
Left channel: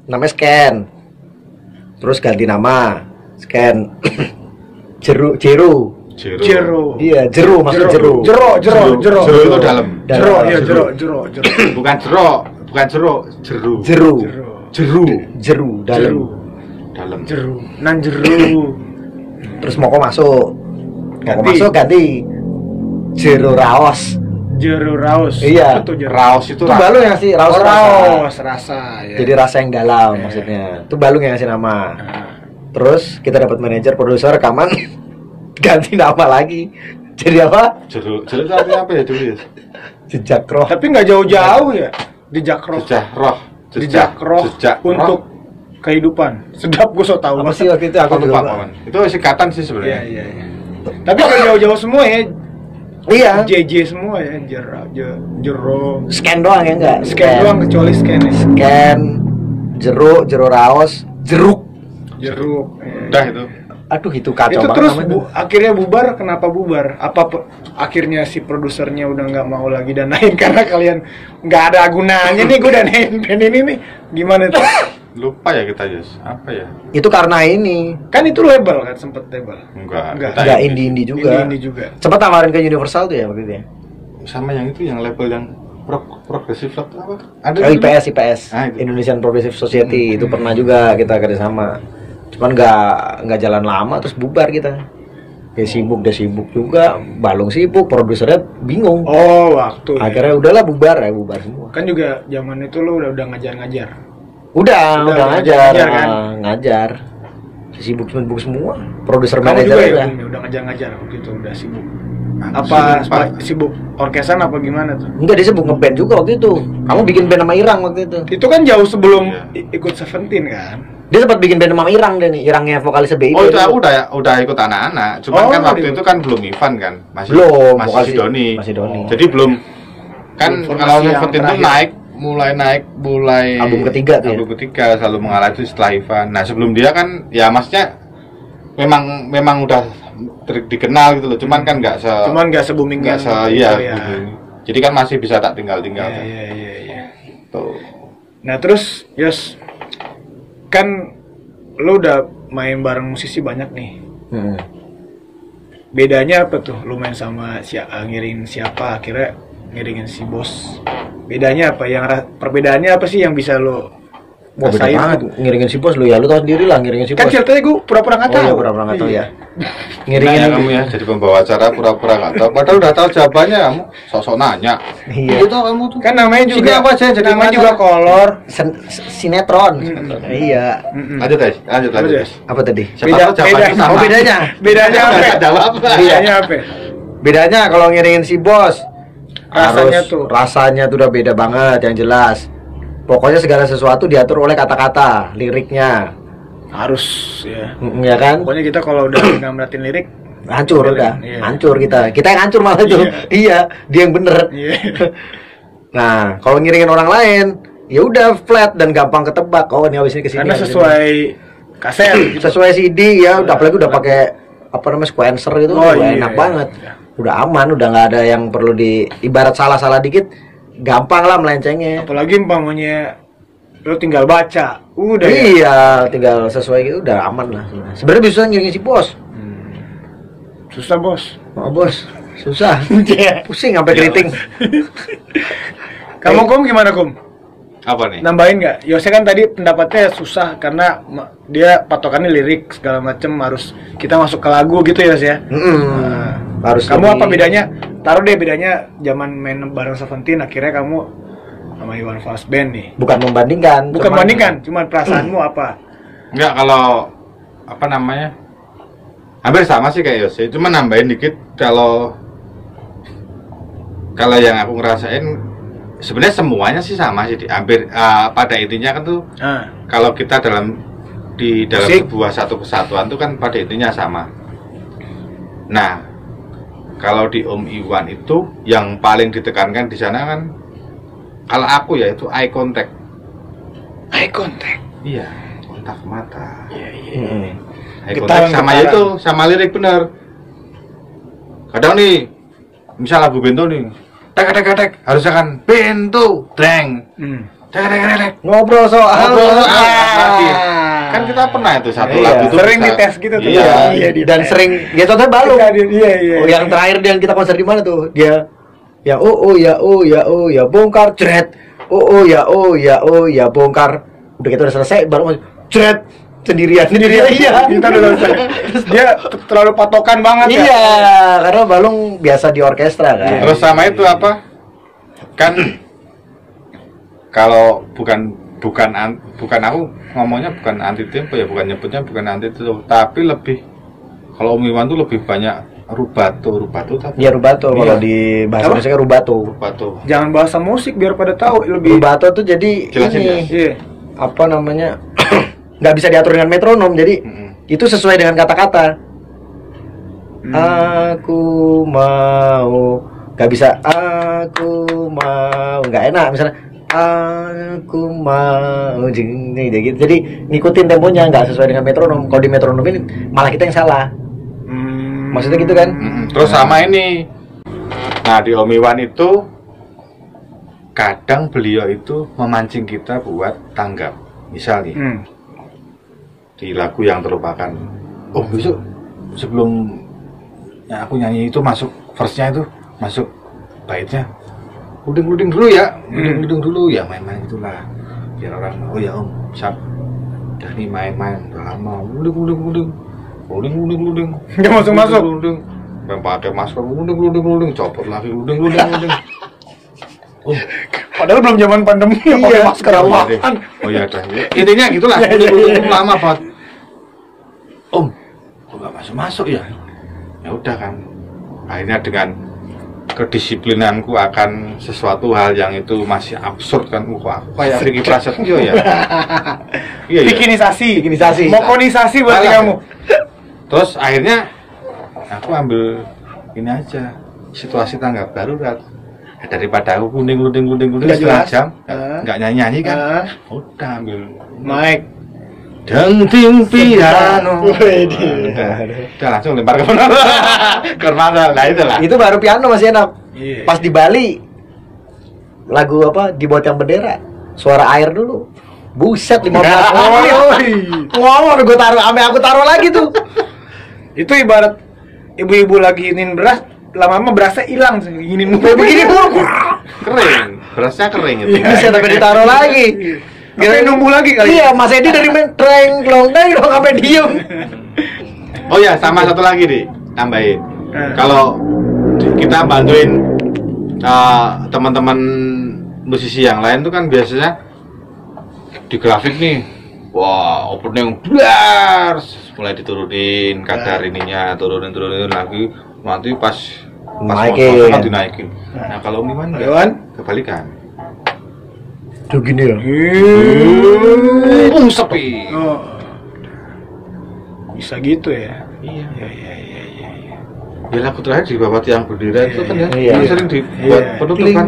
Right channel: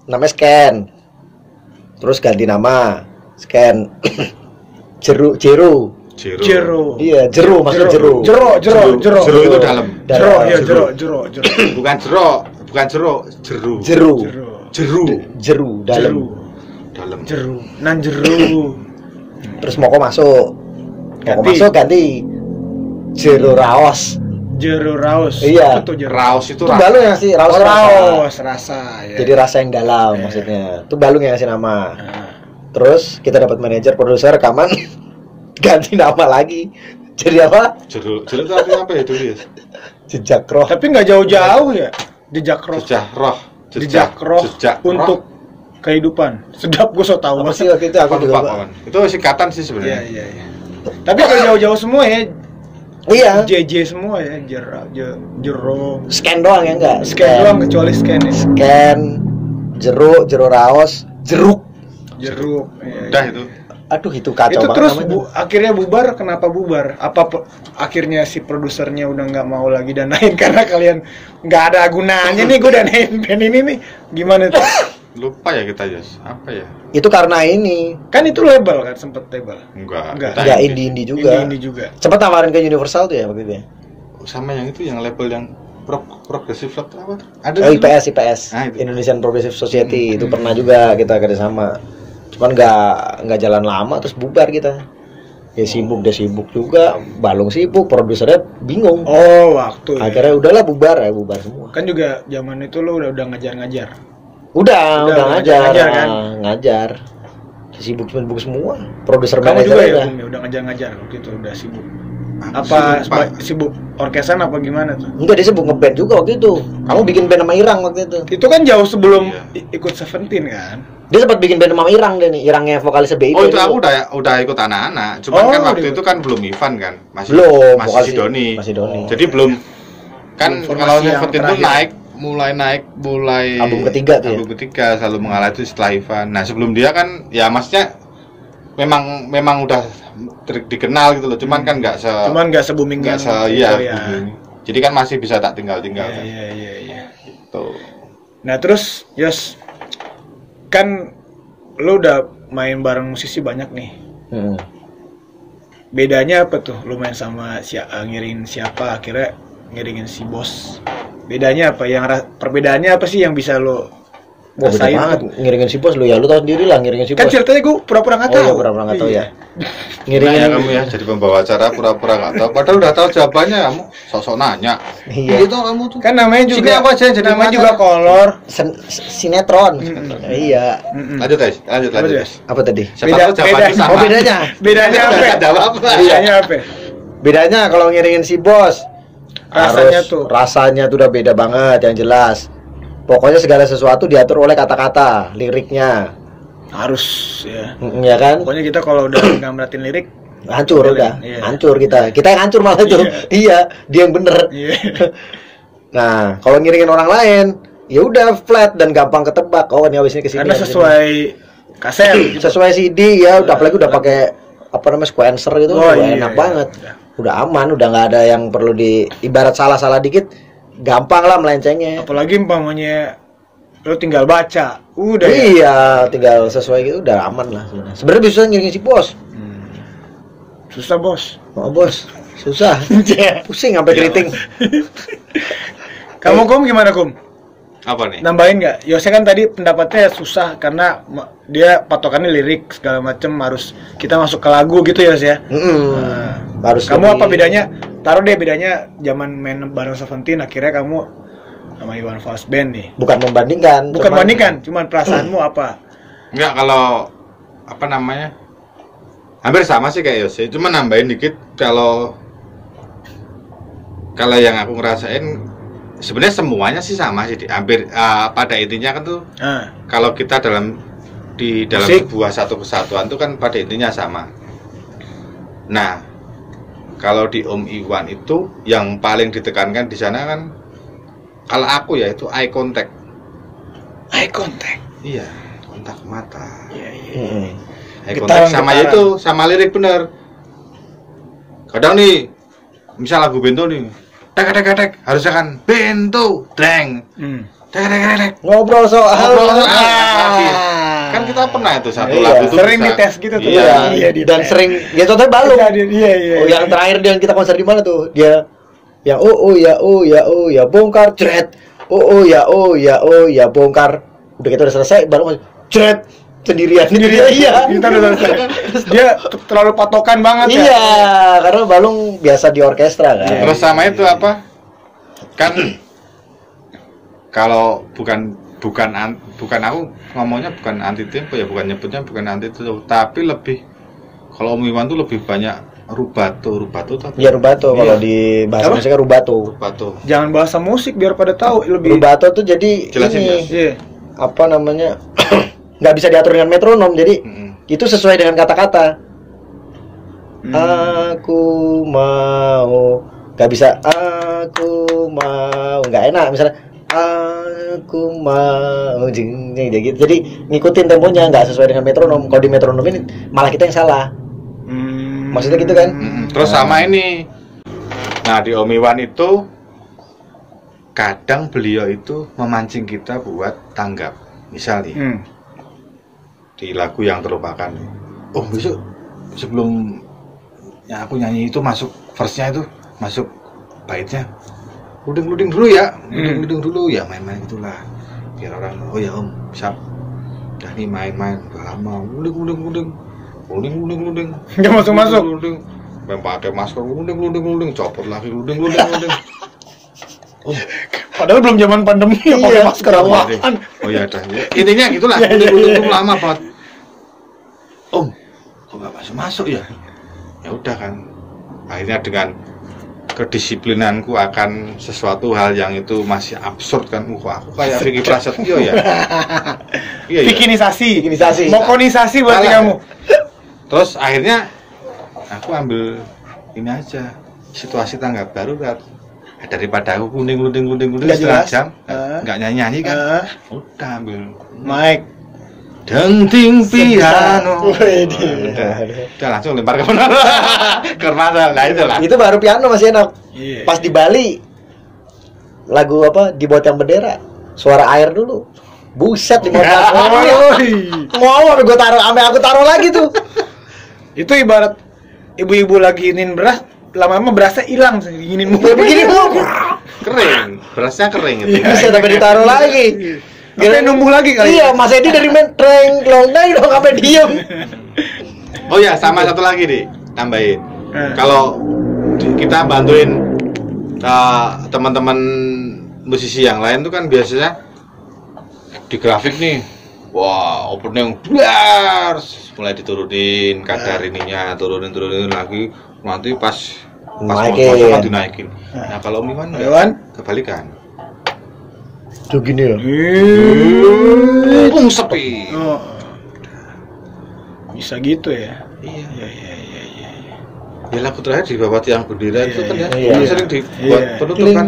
Namanya Scan. Terus ganti nama Scan. Jeru. Iya, jeru maksudnya jeru. Jero itu dalam. Jero. Bukan jeru. Dalam. Jeru. Nan jeru. Terus Moko masuk. Ganti. Jero Raos. Iya. Raos itu Balung yang sih Raos rasa. Ya. Jadi rasa yang dalam maksudnya. Itu Balung yang ngasih nama. Terus kita dapat manajer, produser, rekaman, ganti nama lagi. Jadi apa? Jeru itu apa ya dulu ya? Jejak roh. Tapi nggak jauh-jauh ya. Jejak roh. Untuk kehidupan. Sedap gue so tahu. Apa sih waktu itu aku lupa. Itu singkatan sih sebenarnya. Iya. Tapi nggak jauh-jauh semua ya. Iya. JJ semua ya. Jero. Scan doang ya enggak? Scan doang kecuali scan ya. Scan. jeruk raos, jeruk. Udah itu. Aduh itu kacau itu banget. Terus akhirnya bubar. Kenapa bubar? Apa akhirnya si produsernya udah nggak mau lagi danain karena kalian nggak ada gunanya nih gue danain band ini nih, gimana tuh? Lupa ya kita apa ya? Itu karena ini. Kan itu label kan, sempet label. Enggak indie juga. Indie juga. Sempat tawarin ke Universal tuh ya waktu itu ya. Sama yang itu yang label yang progresif rock apa? Ada IPS. Indonesian Progressive Society itu pernah juga kita kerjasama. Cuman nggak jalan lama terus bubar kita. Dia sibuk juga, Balung sibuk, produsernya bingung. Oh, waktu. Akhirnya udahlah bubar semua. Kan juga zaman itu lo udah ngajar-ngajar. Udah ngajar kan? Ngajar. Sibuk semua. Produser Kamu manajer juga aja. ya, udah ngajar-ngajar gitu, udah sibuk. Apa sibuk orkesan apa gimana tuh? Enggak, dia sibuk ngeband juga waktu itu. Kamu bikin band sama Irang waktu itu. Itu kan jauh sebelum ikut Seventeen kan? Dia sempat bikin band sama Irang deh nih, Irangnya vokalis BIP. Oh itu aku udah ikut anak-anak. Cuman kan waktu itu kan belum Ivan kan, masih si Doni. Masih Doni. Jadi belum kan kalau Seventeen itu mulai album ketiga tuh. Album ketiga selalu mengalah itu setelah Ivan. Nah sebelum dia kan ya maksudnya memang udah dikenal gitu loh. Cuman kan nggak se booming nggak se ya. Jadi kan masih bisa tak tinggal. Iya. Tuh. Nah terus Yos, kan lu udah main bareng musisi banyak nih. Bedanya apa tuh? Lu main sama ngiringin siapa? Akhirnya ngiringin si Bos. Bedanya apa? Perbedaannya apa sih yang bisa lu beda banget ngiringin si Bos lu ya, lu tahu sendiri lah ngiringin si Bos. Kan ceritanya gue pura-pura nggak tahu. Pura-pura nggak tahu ya. Ngiringin kamu ya jadi pembawa acara pura-pura nggak tahu. Padahal udah tahu jawabannya, kamu sok-sok nanya. Iya. Itu kamu tuh. Kan namanya juga apa aja jadi namanya juga kolor. Sinetron. Iya. Lanjut guys. Apa tadi? Siapa tahu jawabannya sama. Bedanya apa? Jawab. Bedanya apa? Bedanya kalau ngiringin si Bos rasanya tuh udah beda banget yang jelas. Pokoknya segala sesuatu diatur oleh kata-kata, liriknya. Harus ya. Ya kan? Pokoknya kita kalau udah nggak merhatiin lirik hancur udah. Iya. Hancur kita. Kita yang hancur malah itu. Iya, dia yang bener. Iya. Nah, kalau ngiringin orang lain, ya udah flat dan gampang ketebak. Oh, ini habis ini kesini. Karena sesuai kaset gitu. Sesuai CD ya, apalagi udah pakai apa namanya sequencer gitu, enak banget. Udah aman, udah nggak ada yang perlu ibarat salah-salah dikit gampang lah melencengnya. Apalagi umpamanya lo tinggal baca, udah. Iya, tinggal sesuai gitu udah aman lah. Sebenarnya bisa ngiringin si Bos. Susah Bos. Oh Bos, susah. Pusing sampai keriting. Kamu gimana Apa nih? Nambahin nggak? Yose kan tadi pendapatnya susah karena dia patokannya lirik segala macem, harus kita masuk ke lagu gitu ya Yos ya. Harus. Kamu apa bedanya? Taruh deh bedanya zaman main bareng Seventeen akhirnya kamu sama Iwan Fals Band nih. Bukan membandingkan. Cuman perasaanmu apa? Enggak, kalau apa namanya? Hampir sama sih kayak Yose, cuma nambahin dikit kalau yang aku ngerasain sebenarnya semuanya sih sama sih, hampir pada intinya kan tuh kalau kita dalam sebuah satu kesatuan tuh kan pada intinya sama. Nah, kalau di Om Iwan itu yang paling ditekankan di sana kan, kalau aku ya itu eye contact. Eye contact. Iya, kontak mata. Iya. Eye contact sama itu, sama lirik bener. Kadang nih, misal lagu Bento nih, tek, harusnya kan Bento, dreng. Ngobrol soal. Kan kita pernah itu satu lagu itu sering dites gitu tuh. Iya, dan sering ya contohnya Balung. Iya. Oh, yang terakhir dia kita konser di mana tuh? Dia yang ya bongkar jret. Ya bongkar. Udah kita udah selesai Balung jret sendirian. Iya. Kita udah selesai. Dia terlalu patokan banget. Iya, karena Balung biasa di orkestra kan. Terus sama itu apa? Kan kalau bukan aku ngomongnya bukan anti tempo ya, bukan nyebutnya bukan anti tempo, tapi lebih kalau Om Iwan tuh lebih banyak rubato tapi ya rubato kalau di bahasa musiknya rubato. Jangan bahasa musik biar pada tahu lebih. Rubato tuh jadi jelasin ini apa namanya nggak bisa diatur dengan metronom, jadi itu sesuai dengan kata-kata. Aku mau, nggak bisa aku mau, nggak enak misalnya aku mau jeng gitu. Jadi ngikutin temponya nggak sesuai dengan metronom. Kalau di metronom ini malah kita yang salah. Maksudnya gitu kan? Terus sama ini. Nah di Om Iwan itu kadang beliau itu memancing kita buat tanggap. Misalnya di lagu yang terlupakan. Oh besok sebelum ya aku nyanyi itu masuk verse-nya itu masuk baitnya. Luding dulu ya, luding dulu ya main-main itulah. Biar orang oh ya Om, siap. Udah nih main-main, udah lama. Luding. Jangan masuk. Yang pakai masker, luding, copot lagi, luding. Oh, padahal belum zaman pandemi ya pakai masker apaan. Oh ya dah. Intinya gitulah, luding lama banget. Om, kok nggak masuk ya? Ya udah kan. Akhirnya dengan kedisiplinanku akan sesuatu hal yang itu masih absurd kan, aku kayak Vicky Prasetyo ya. Iya. Bikinisasi. Mokonisasi buat kamu. Terus akhirnya aku ambil ini aja situasi tanggap darurat. Daripada aku kuning setengah jam nggak nyanyi kan, udah ambil mic denting piano. Udah langsung lempar ke mana? Ke mana? Nah itulah. Itu baru piano masih enak. Pas di Bali lagu apa Dibuat Yang Bendera, suara air dulu. Buset 15 menit. Ngomong gue taruh, aku taruh lagi tuh. Itu ibarat ibu-ibu lagi ingin beras, lama-lama berasnya hilang, ingin begini kering, berasnya kering itu. Bisa tapi ditaruh lagi. Kita nunggu lagi kali. Iya, Mas Edi dari main treng dong sampai diem. Oh ya, sama satu lagi nih, tambahin. Kalau kita bantuin teman-teman musisi yang lain tuh kan biasanya di grafik nih, wah opening blars, mulai diturunin kadar ininya, turunin lagi, nanti pas naikin. kan dinaikin. Nah kalau Om Iwan kebalikan. Tuh gini ya. Sepi. Oh. Bisa gitu ya. Iya. Ya lagu terakhir di Bapak Tiang Bendera itu kan ya, sering dibuat penutupan.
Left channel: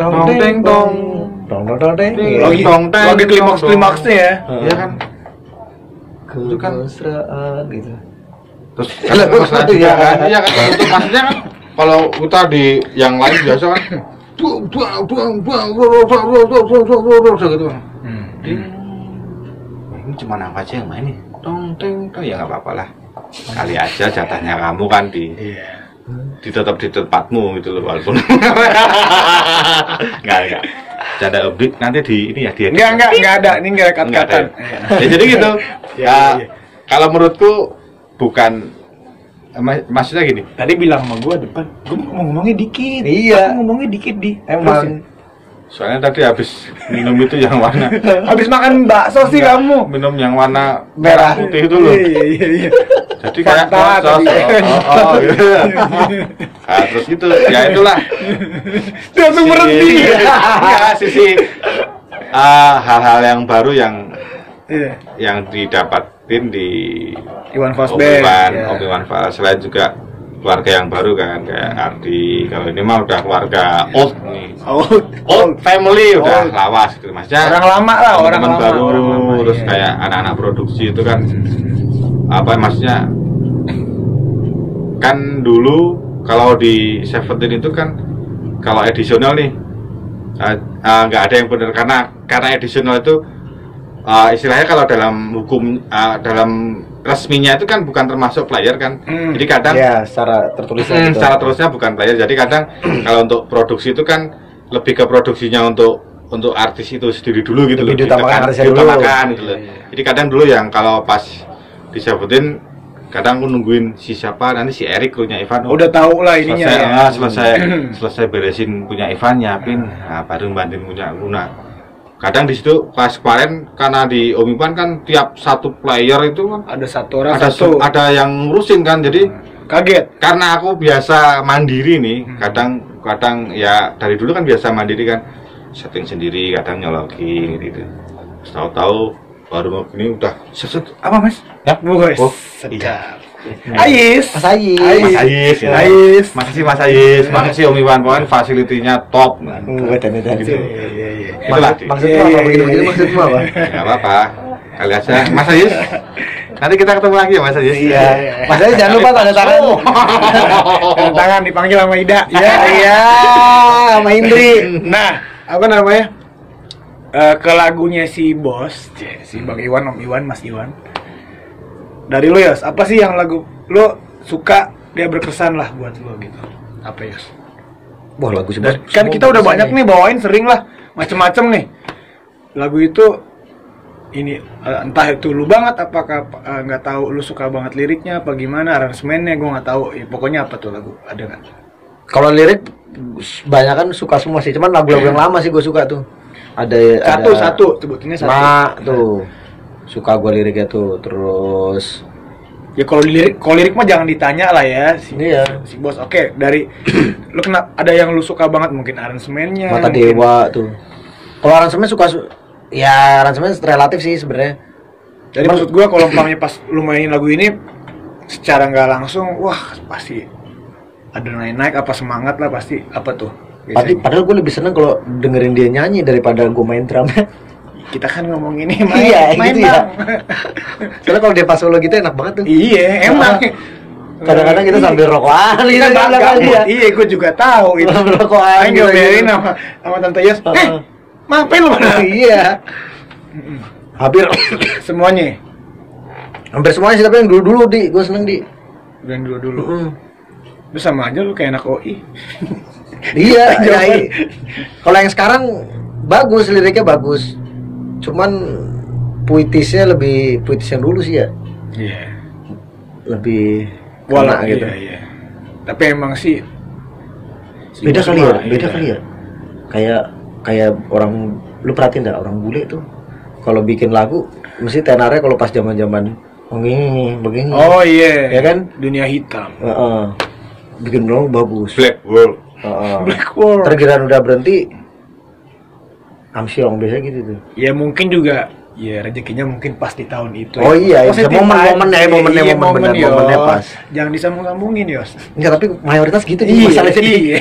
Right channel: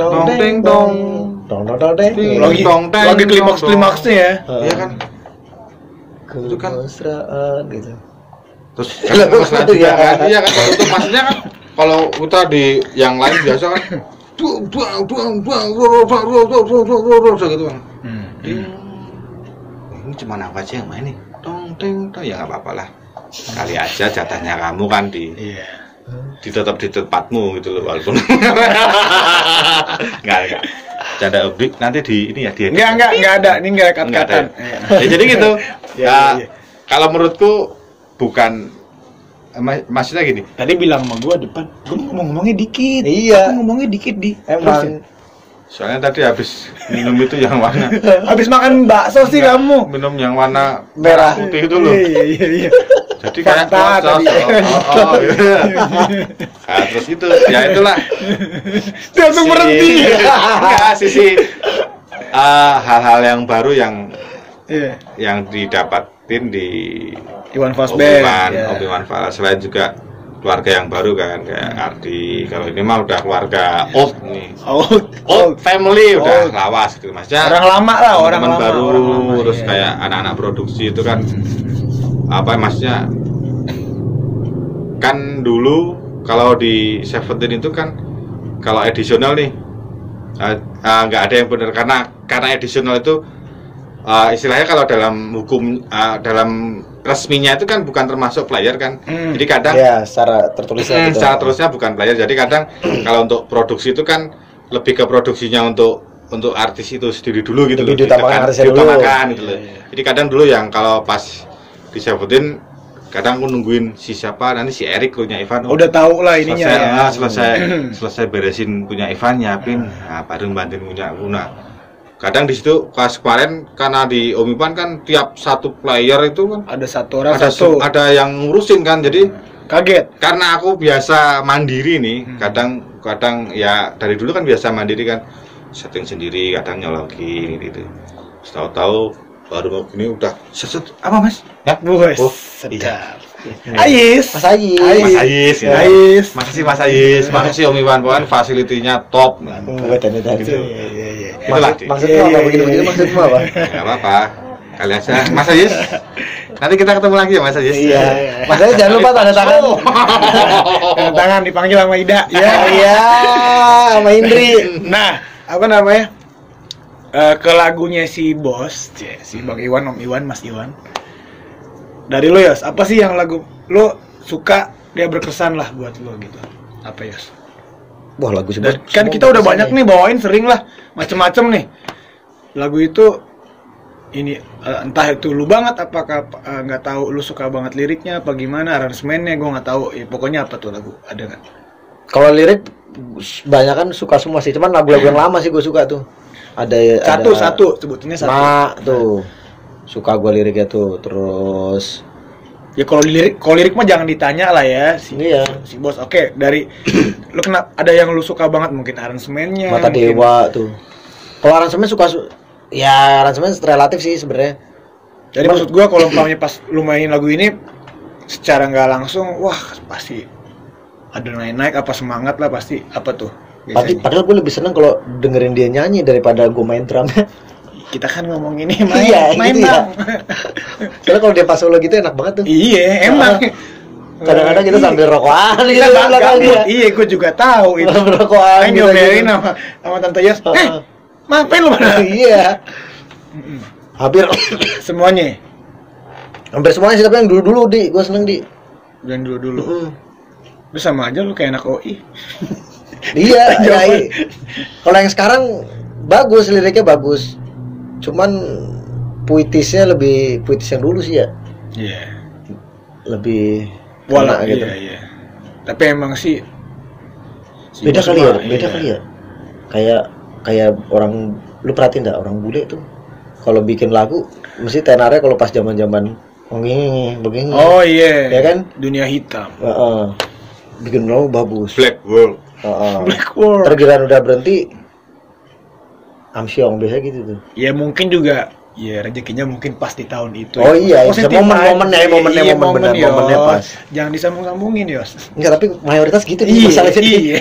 Dong deng dong. Lagi klimaks-klimaksnya ya. Iya kan? Itu kan mesraan gitu. Terus kan mesraan juga kan. Iya kan penutup maksudnya kan kalau kita di yang lain biasa kan buang gitu. Ini cuma apa aja yang main nih? Dong ya nggak apa-apa lah. Kali aja jatahnya kamu kan tetap di tempatmu gitu loh walaupun enggak canda obdik nanti di ini ya dia enggak ada ini enggak kata-kata ya jadi gitu ya kalau menurutku bukan maksudnya gini tadi bilang sama gua depan gua ngomongnya dikit ngomongnya dikit di emang soalnya tadi habis minum itu yang warna habis makan bakso sih kamu minum yang warna merah putih itu loh iya jadi kayak nah, terus gitu ya itulah langsung berhenti ya sisi hal-hal yang baru yang didapatin di Iwan Fals Om Iwan Fals selain juga keluarga yang baru kan kayak Ardi kalau ini mah udah keluarga old family udah lawas gitu maksudnya orang lama lah orang baru terus kayak anak-anak produksi itu kan apa maksudnya kan dulu kalau di Seventeen itu kan kalau edisional nih nggak ada yang benar karena edisional itu istilahnya kalau dalam hukum dalam resminya itu kan bukan termasuk player kan jadi kadang ya secara tertulisnya gitu. Secara tertulisnya bukan player jadi kadang kalau untuk produksi itu kan lebih ke produksinya untuk artis itu sendiri dulu gitu lebih loh diutamakan gitu loh jadi kadang dulu yang kalau pas di Seventeen kadang aku nungguin si siapa nanti si Erik punya Ivan udah tahu lah ininya selesai beresin punya Ivan nyiapin baru bantuin punya aku kadang di situ pas kemarin karena di Om Iwan kan tiap satu player itu kan ada satu orang ada yang ngurusin kan jadi kaget karena aku biasa mandiri nih kadang ya dari dulu kan biasa mandiri kan setting sendiri kadang nyolokin gitu tahu-tahu baru ini udah apa mas ya sedap Mas Ais. Makasih Mas Ais, makasih Om Iwan, pokoknya fasilitinya top. Itulah. Maksudmu apa? Begini maksudmu apa? Enggak apa-apa. Kali aja. Mas Ajis. Nanti kita ketemu lagi ya Mas Ajis. Iya. Mas Ajis jangan lupa tanda tangan. Tanda tangan dipanggil sama Ida. Iya, sama Indri. Nah, apa namanya? Ke lagunya si Bos, si Bang Iwan, Om Iwan, Mas Iwan. Dari lo Yos, apa sih yang lagu lo suka dia berkesan lah buat lo gitu? Apa Yos? Wah, lagu semua. Kan kita udah banyak nih bawain sering lah, macem-macem nih. Lagu itu ini entah itu lu banget apakah nggak tahu lu suka banget liriknya apa gimana aransemennya gue nggak tahu ya, pokoknya apa tuh lagu ada kan? Kalau lirik banyak kan suka semua sih, cuman lagu-lagu yang lama sih gue suka tuh. Ada satu sebutinnya satu. Nah, tuh. Suka gue liriknya tuh. Terus ya kalau lirik mah jangan ditanya lah ya si Bos. Oke, dari lu kenapa ada yang lu suka banget mungkin aransemennya? Mata mungkin. Dewa tuh. Kalau aransemen ya aransemen relatif sih sebenarnya. Jadi maksud gue kalau umpamanya pas lu mainin lagu ini secara nggak langsung wah pasti adrenalin naik apa semangat lah pasti apa tuh. Padahal gue lebih seneng kalau dengerin dia nyanyi daripada gue main drum. Kita kan ngomong ini main gitu ya. Soalnya kalau dia pas solo gitu enak banget tuh. Iya, emang. Kadang-kadang kita sambil rokokan gitu di belakang dia. Iya, gue juga tahu itu. Sambil rokokan gitu. Ngomelin sama Tante Yos. Maafin lu mana? Iya. Hampir semuanya. Hampir semuanya sih, tapi yang dulu-dulu gue seneng Yang dulu. Lu sama aja lu kayak anak OI. Iya. Kalau yang sekarang bagus, liriknya bagus. Cuman puitisnya lebih puitis yang dulu sih ya. Iya. Lebih walau gitu. Iya. Tapi emang sih beda kali ya. Kayak orang, lu perhatiin enggak orang bule tuh kalau bikin lagu mesti tenarnya kalau pas zaman-zaman begini. Oh iya. Ya kan? Dunia hitam. Bikin lagu bagus. Black World. Black World. Tergiran udah berhenti. Amsyong biasa gitu tuh. Ya mungkin juga ya rezekinya mungkin pas di tahun itu. Oh iya, momennya pas. Jangan disambung-sambungin, Yos. Enggak, tapi mayoritas gitu masalahnya.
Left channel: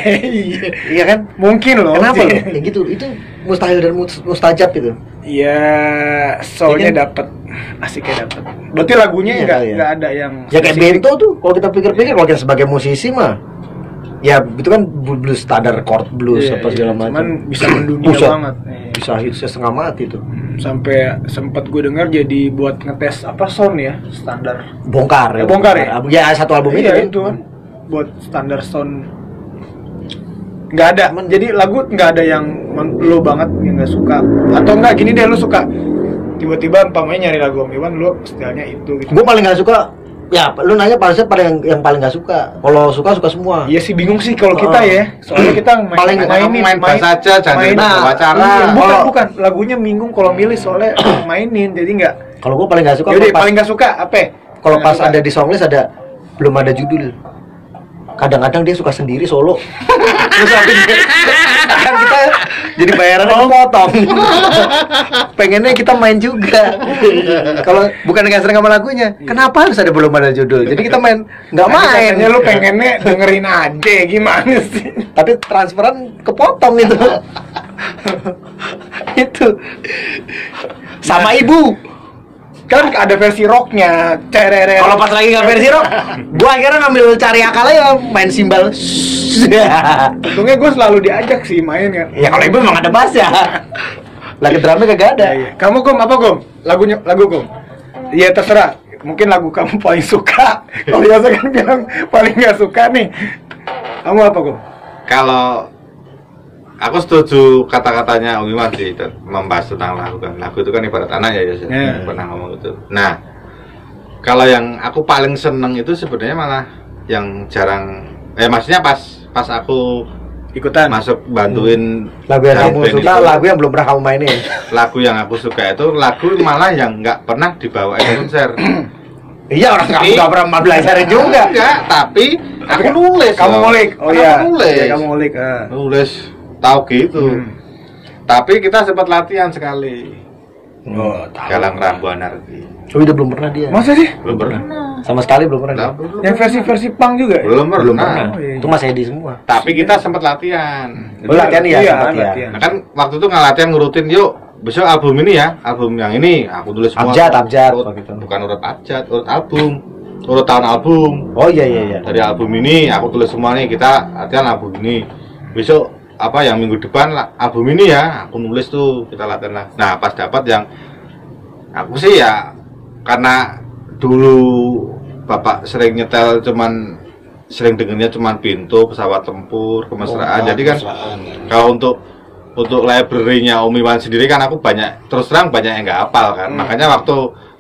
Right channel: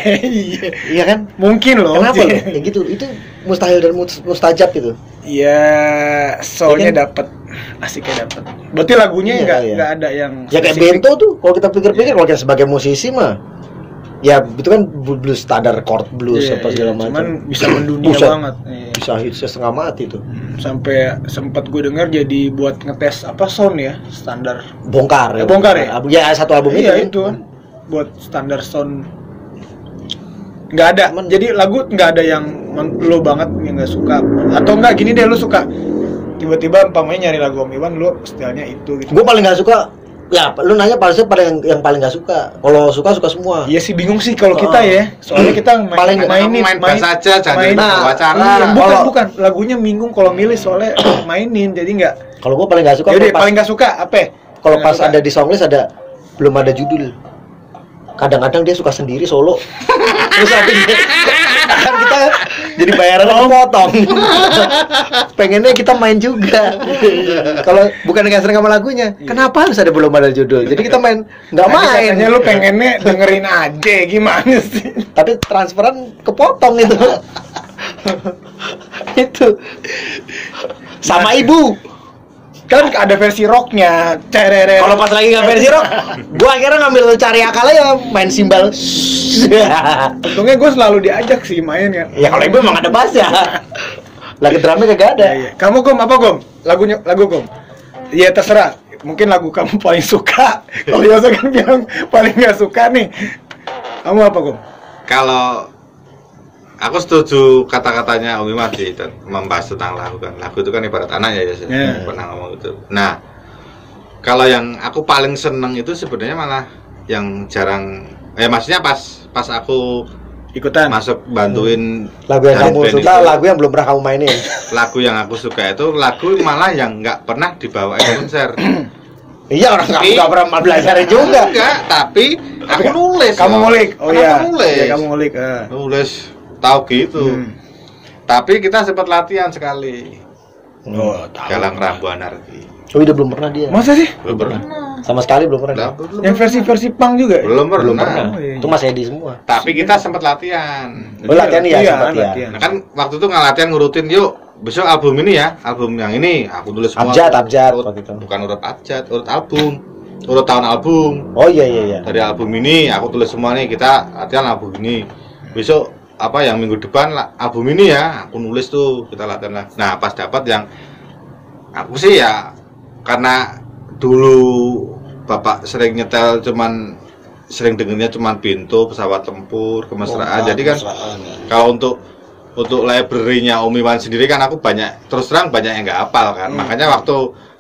Iya kan? Mungkin loh. Kenapa loh? Ya gitu. Itu mustahil dan mustajab itu. Iya, soalnya dapat asiknya dapat. Berarti lagunya enggak ada yang ya kayak Bento tuh. Kalau kita pikir-pikir kalau kita sebagai musisi mah ya itu kan blues standar chord blues apa segala macam. Cuman bisa mendunia banget. Bisa hit setengah mati tuh. Sampai sempat gue dengar jadi buat ngetes apa sound ya, standar. Bongkar ya. Ya satu album itu buat standar sound. Nggak ada. Jadi lagu nggak ada yang lo banget yang nggak suka. Atau nggak gini deh lo suka. Tiba-tiba umpamanya nyari lagu Om Iwan lo stylenya itu gitu. Gue paling nggak suka. Ya, lu nanya paling yang paling nggak suka. Kalau suka semua. Iya sih bingung sih kalau kita ya. Soalnya kita main bass aja, jangan wawancara. Bukan. Lagunya bingung kalau milih soalnya mainin jadi nggak. Kalau gua paling nggak suka. Jadi paling nggak suka apa? Kalau pas ada di songlist belum ada judul. Kadang-kadang dia suka sendiri solo. Terus kan kita jadi bayarannya kepotong. Pengennya kita main juga. Kalau bukan nggak sering sama lagunya, kenapa harus belum ada judul? Jadi kita main nggak main. Lu pengennya dengerin aja gimana sih? Tapi transferan kepotong itu. Itu sama ibu. Kan ada versi rocknya, cerere. Kalau pas lagi nggak versi rock, gue akhirnya ngambil cari akalnya main simbal. Untungnya gue selalu diajak sih main kan. Ya kalau ibu emang ada bass ya. Lagi drumnya kagak ada. Iya. Kamu Gom apa Gom? Lagu Gom? Iya terserah. Mungkin lagu kamu paling suka. Kalau biasa kan bilang paling nggak suka nih. Kamu apa Gom? Kalau aku setuju kata-katanya Umi Mati membahas tentang lagu kan. Lagu itu kan ibarat anak ya, pernah ngomong itu. Nah, kalau yang aku paling seneng itu sebenarnya malah yang jarang, maksudnya pas aku ikutan masuk bantuin lagu yang kamu suka, lagu yang belum pernah kamu mainin. Lagu yang aku suka itu lagu malah yang nggak pernah dibawain konser. Iya, orang nggak pernah belajar juga. Enggak, tapi aku nulis. Kamu ngulik. Oh iya. Kamu ngulik. Nulis. Tahu gitu. Tapi kita sempat latihan sekali. Oh, tahu. Galang Rambu Anarki. Oh, udah belum pernah dia. Masa sih? Belum pernah. Sama sekali belum pernah. Yang versi punk juga? Belum pernah. Oh, iya. Itu Mas Edi semua. Tapi kita sempat latihan. Oh, latihan ya, Iya, sempat ya. latihan. Nah, kan waktu itu ngelatihan ngurutin, yuk besok album ini ya, album yang ini aku tulis semua. Abjad urut, waktu itu. bukan urut abjad, urut album, urut tahun album. Oh iya. Dari album ini aku tulis semua nih, kita latihan album ini. Besok apa yang minggu depan album ini ya, aku nulis tuh, kita latihan lah. Nah pas dapat yang aku sih ya, karena dulu bapak sering nyetel sering dengernya cuman Pintu, Pesawat Tempur, Kemesraan. Jadi kan kalau untuk library-nya Om Iwan sendiri kan aku terus terang banyak yang nggak hafal kan. Makanya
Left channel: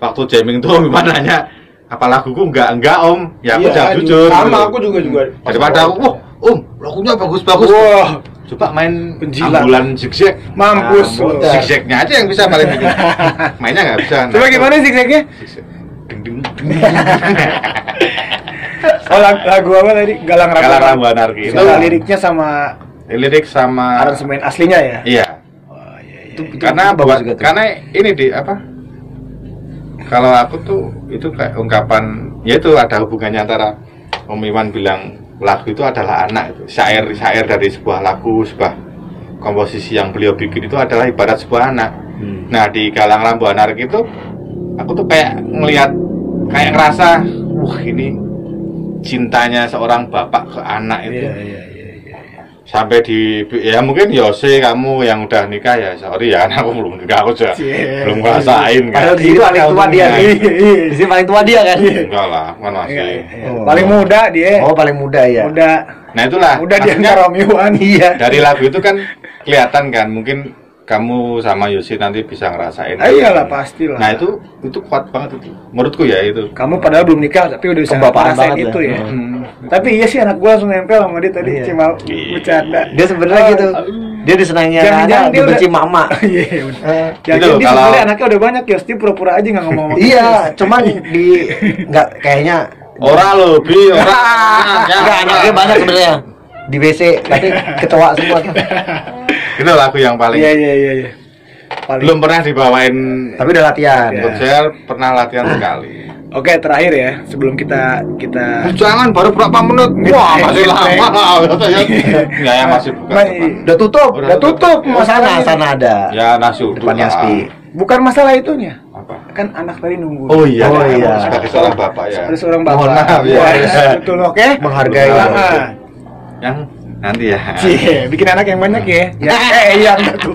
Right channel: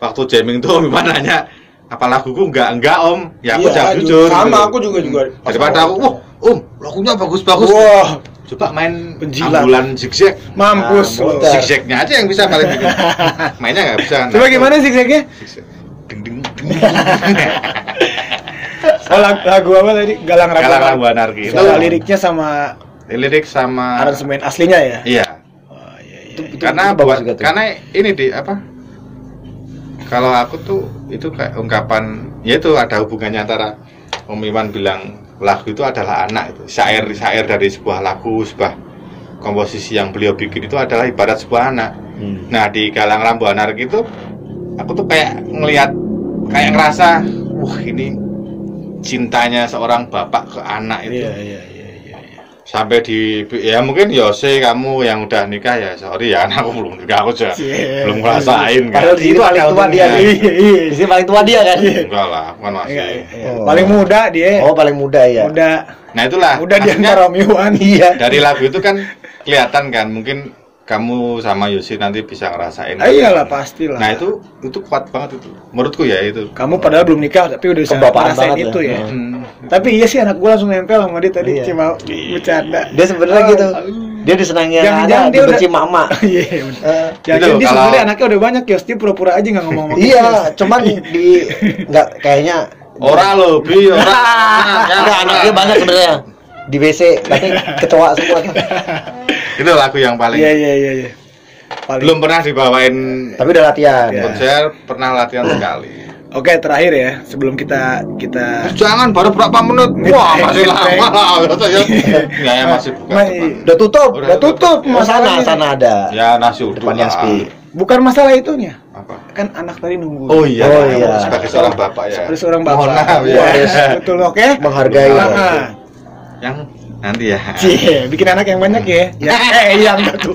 waktu jamming tuh Om Iwan nanya apa laguku enggak Om. Ya aku jawab jujur. Sama aku juga. Daripada aku, Om, lagunya bagus-bagus. Wah, Coba main penjilat. ambulan zigzag. Mampus. Zigzagnya aja yang bisa paling bikin. Mainnya nggak bisa. Coba gimana zigzagnya? Zigzag. Ding. Oh, lagu apa tadi? Galang Rambu Anarki. Itu liriknya sama lirik sama aransemen aslinya ya? Iya. Oh, iya. Karena ini apa? Kalau aku tuh itu kayak ungkapan, yaitu ada hubungannya antara Om Iwan bilang lagu itu adalah anak itu. Syair dari sebuah lagu, sebuah komposisi yang beliau bikin itu adalah ibarat sebuah anak. Nah, di Galang Rambu Anarki itu aku tuh kayak ngerasa, ini cintanya seorang bapak ke anak itu. Iya. Sampai ya mungkin Yose kamu yang udah nikah ya, sorry ya, anakku belum nikah, aku juga belum ngerasain kan. Padahal di sini paling tua dia nih. Di sini paling tua dia kan. Enggak lah, kan masih. Paling muda dia. Oh, paling muda ya. Muda. Nah itulah. Udah di antara Om Iwan. Iya. Dari lagu itu kan kelihatan kan, mungkin kamu sama Yosi nanti bisa ngerasain. Iyalah pastilah. Nah itu kuat banget itu, menurutku ya itu. Kamu padahal belum nikah tapi udah bisa ngerasain itu ya. Tapi iya sih anak gue langsung nempel sama dia tadi, cuma bercanda. Dia sebenarnya gitu. Dia disenangnya jangan dia dibenci mama. Iya. Jangan dia sebenarnya anaknya udah banyak ya, dia pura-pura aja nggak ngomong. Iya, cuman nggak kayaknya. Ora lo, beli ora. Nggak, anaknya banyak sebenarnya. Di WC tapi ketua semua kan. Itu lagu yang paling. Iya. Belum pernah dibawain. Tapi udah latihan. Konser pernah latihan sekali. Oke, terakhir ya, sebelum kita jangan baru berapa menit. Wah, masih lama. Enggak ya, masih buka. Udah tutup. Sana ada. Ya, nasi uduk. Depan yang sepi. Bukan masalah itunya. Apa? Kan anak tadi nunggu. Oh iya. Sebagai seorang bapak ya. Sebagai seorang bapak. Mohon maaf ya. Betul, oke? Menghargai. Yang nanti ya. Cie, bikin anak yang banyak ya. Yang tuh.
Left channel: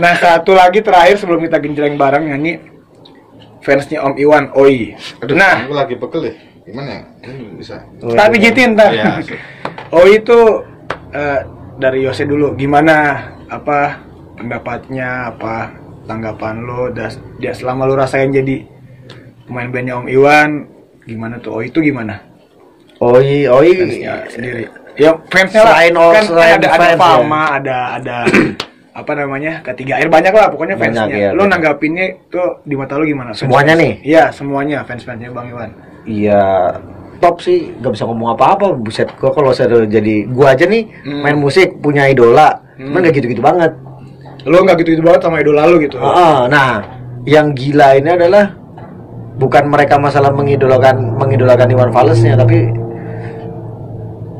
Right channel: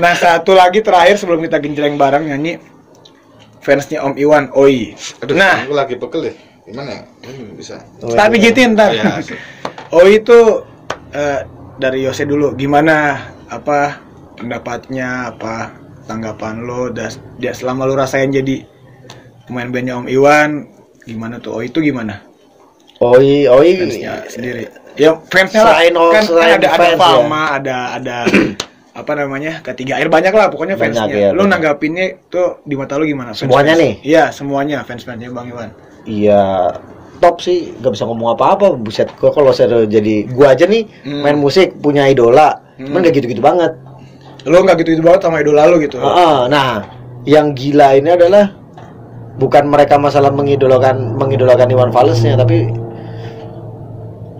Nah, satu lagi terakhir sebelum kita genjreng bareng nyanyi fansnya Om Iwan, Oi. Aduh, aku lagi pegel ya. Gimana ya? Ini bisa. Tapi pijitin ntar. Iya. Oi itu dari Yose dulu. Gimana? Apa pendapatnya? Apa tanggapan lo? Dia selama lo rasain jadi pemain bandnya Om Iwan, gimana tuh? Oi itu gimana? Oi Sendiri. Ya fansnya lah. Selain ada Fama, ya. ada apa namanya, Ketiga Air, banyak lah pokoknya fansnya. Ya, lo nanggapinnya tuh di mata lo gimana? Semuanya nih? Iya, semuanya fans-fansnya Bang Iwan. Iya, top sih, gak bisa ngomong apa-apa. Buset, gua kalau saya jadi gua aja nih main musik punya idola, cuman gak gitu-gitu banget. Lo gak gitu-gitu banget sama idola lo gitu? Nah, yang gila ini adalah bukan mereka masalah mengidolakan Iwan Falesnya, tapi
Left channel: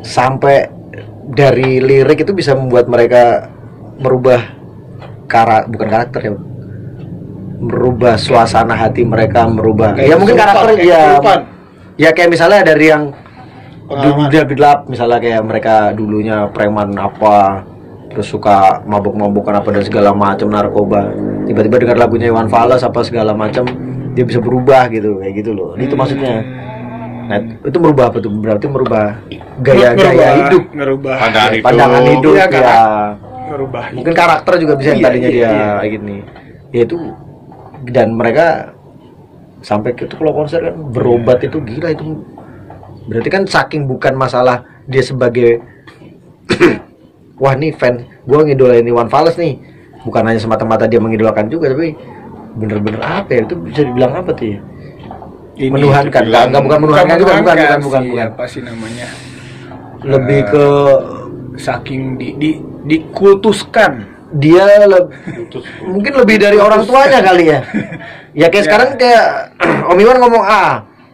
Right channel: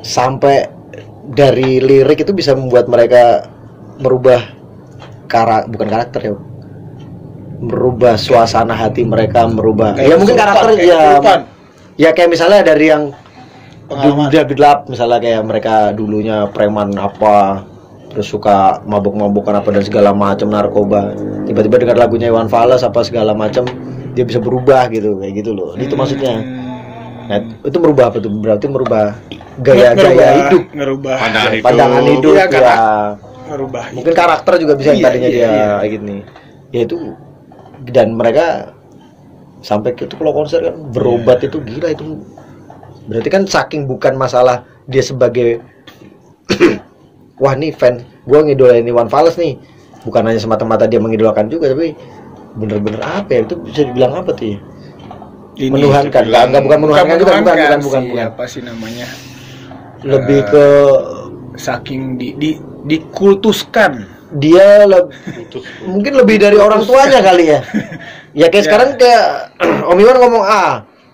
sampai dari lirik itu bisa membuat mereka merubah bukan karakter ya, merubah suasana hati mereka, merubah ya mungkin karakter ya kayak misalnya dari yang gelap misalnya kayak mereka dulunya preman apa, terus suka mabuk-mabukan apa dan segala macam, narkoba, tiba-tiba dengar lagunya Iwan Fals apa segala macam, dia bisa berubah gitu, kayak gitu loh. Itu maksudnya. Nah, itu merubah apa tuh? Berarti merubah gaya hidup, merubah pandangan hidup ya. Merubah. Mungkin karakter juga bisa yang tadinya dia gini. Ya itu, dan mereka sampai itu kalau konser kan berobat itu gila itu. Berarti kan saking bukan masalah dia sebagai wah nih fan, gua ngidolain Iwan Fals nih. Bukan hanya semata-mata dia mengidolakan juga, tapi bener-bener apa ya? Itu bisa dibilang apa tuh ya? Menuhankan, bukan menuhankan juga, bukan. Apa sih namanya? Lebih ke saking dikultuskan. Dia mungkin lebih dari orang tuanya kali ya. Ya kayak sekarang kayak Om Iwan ngomong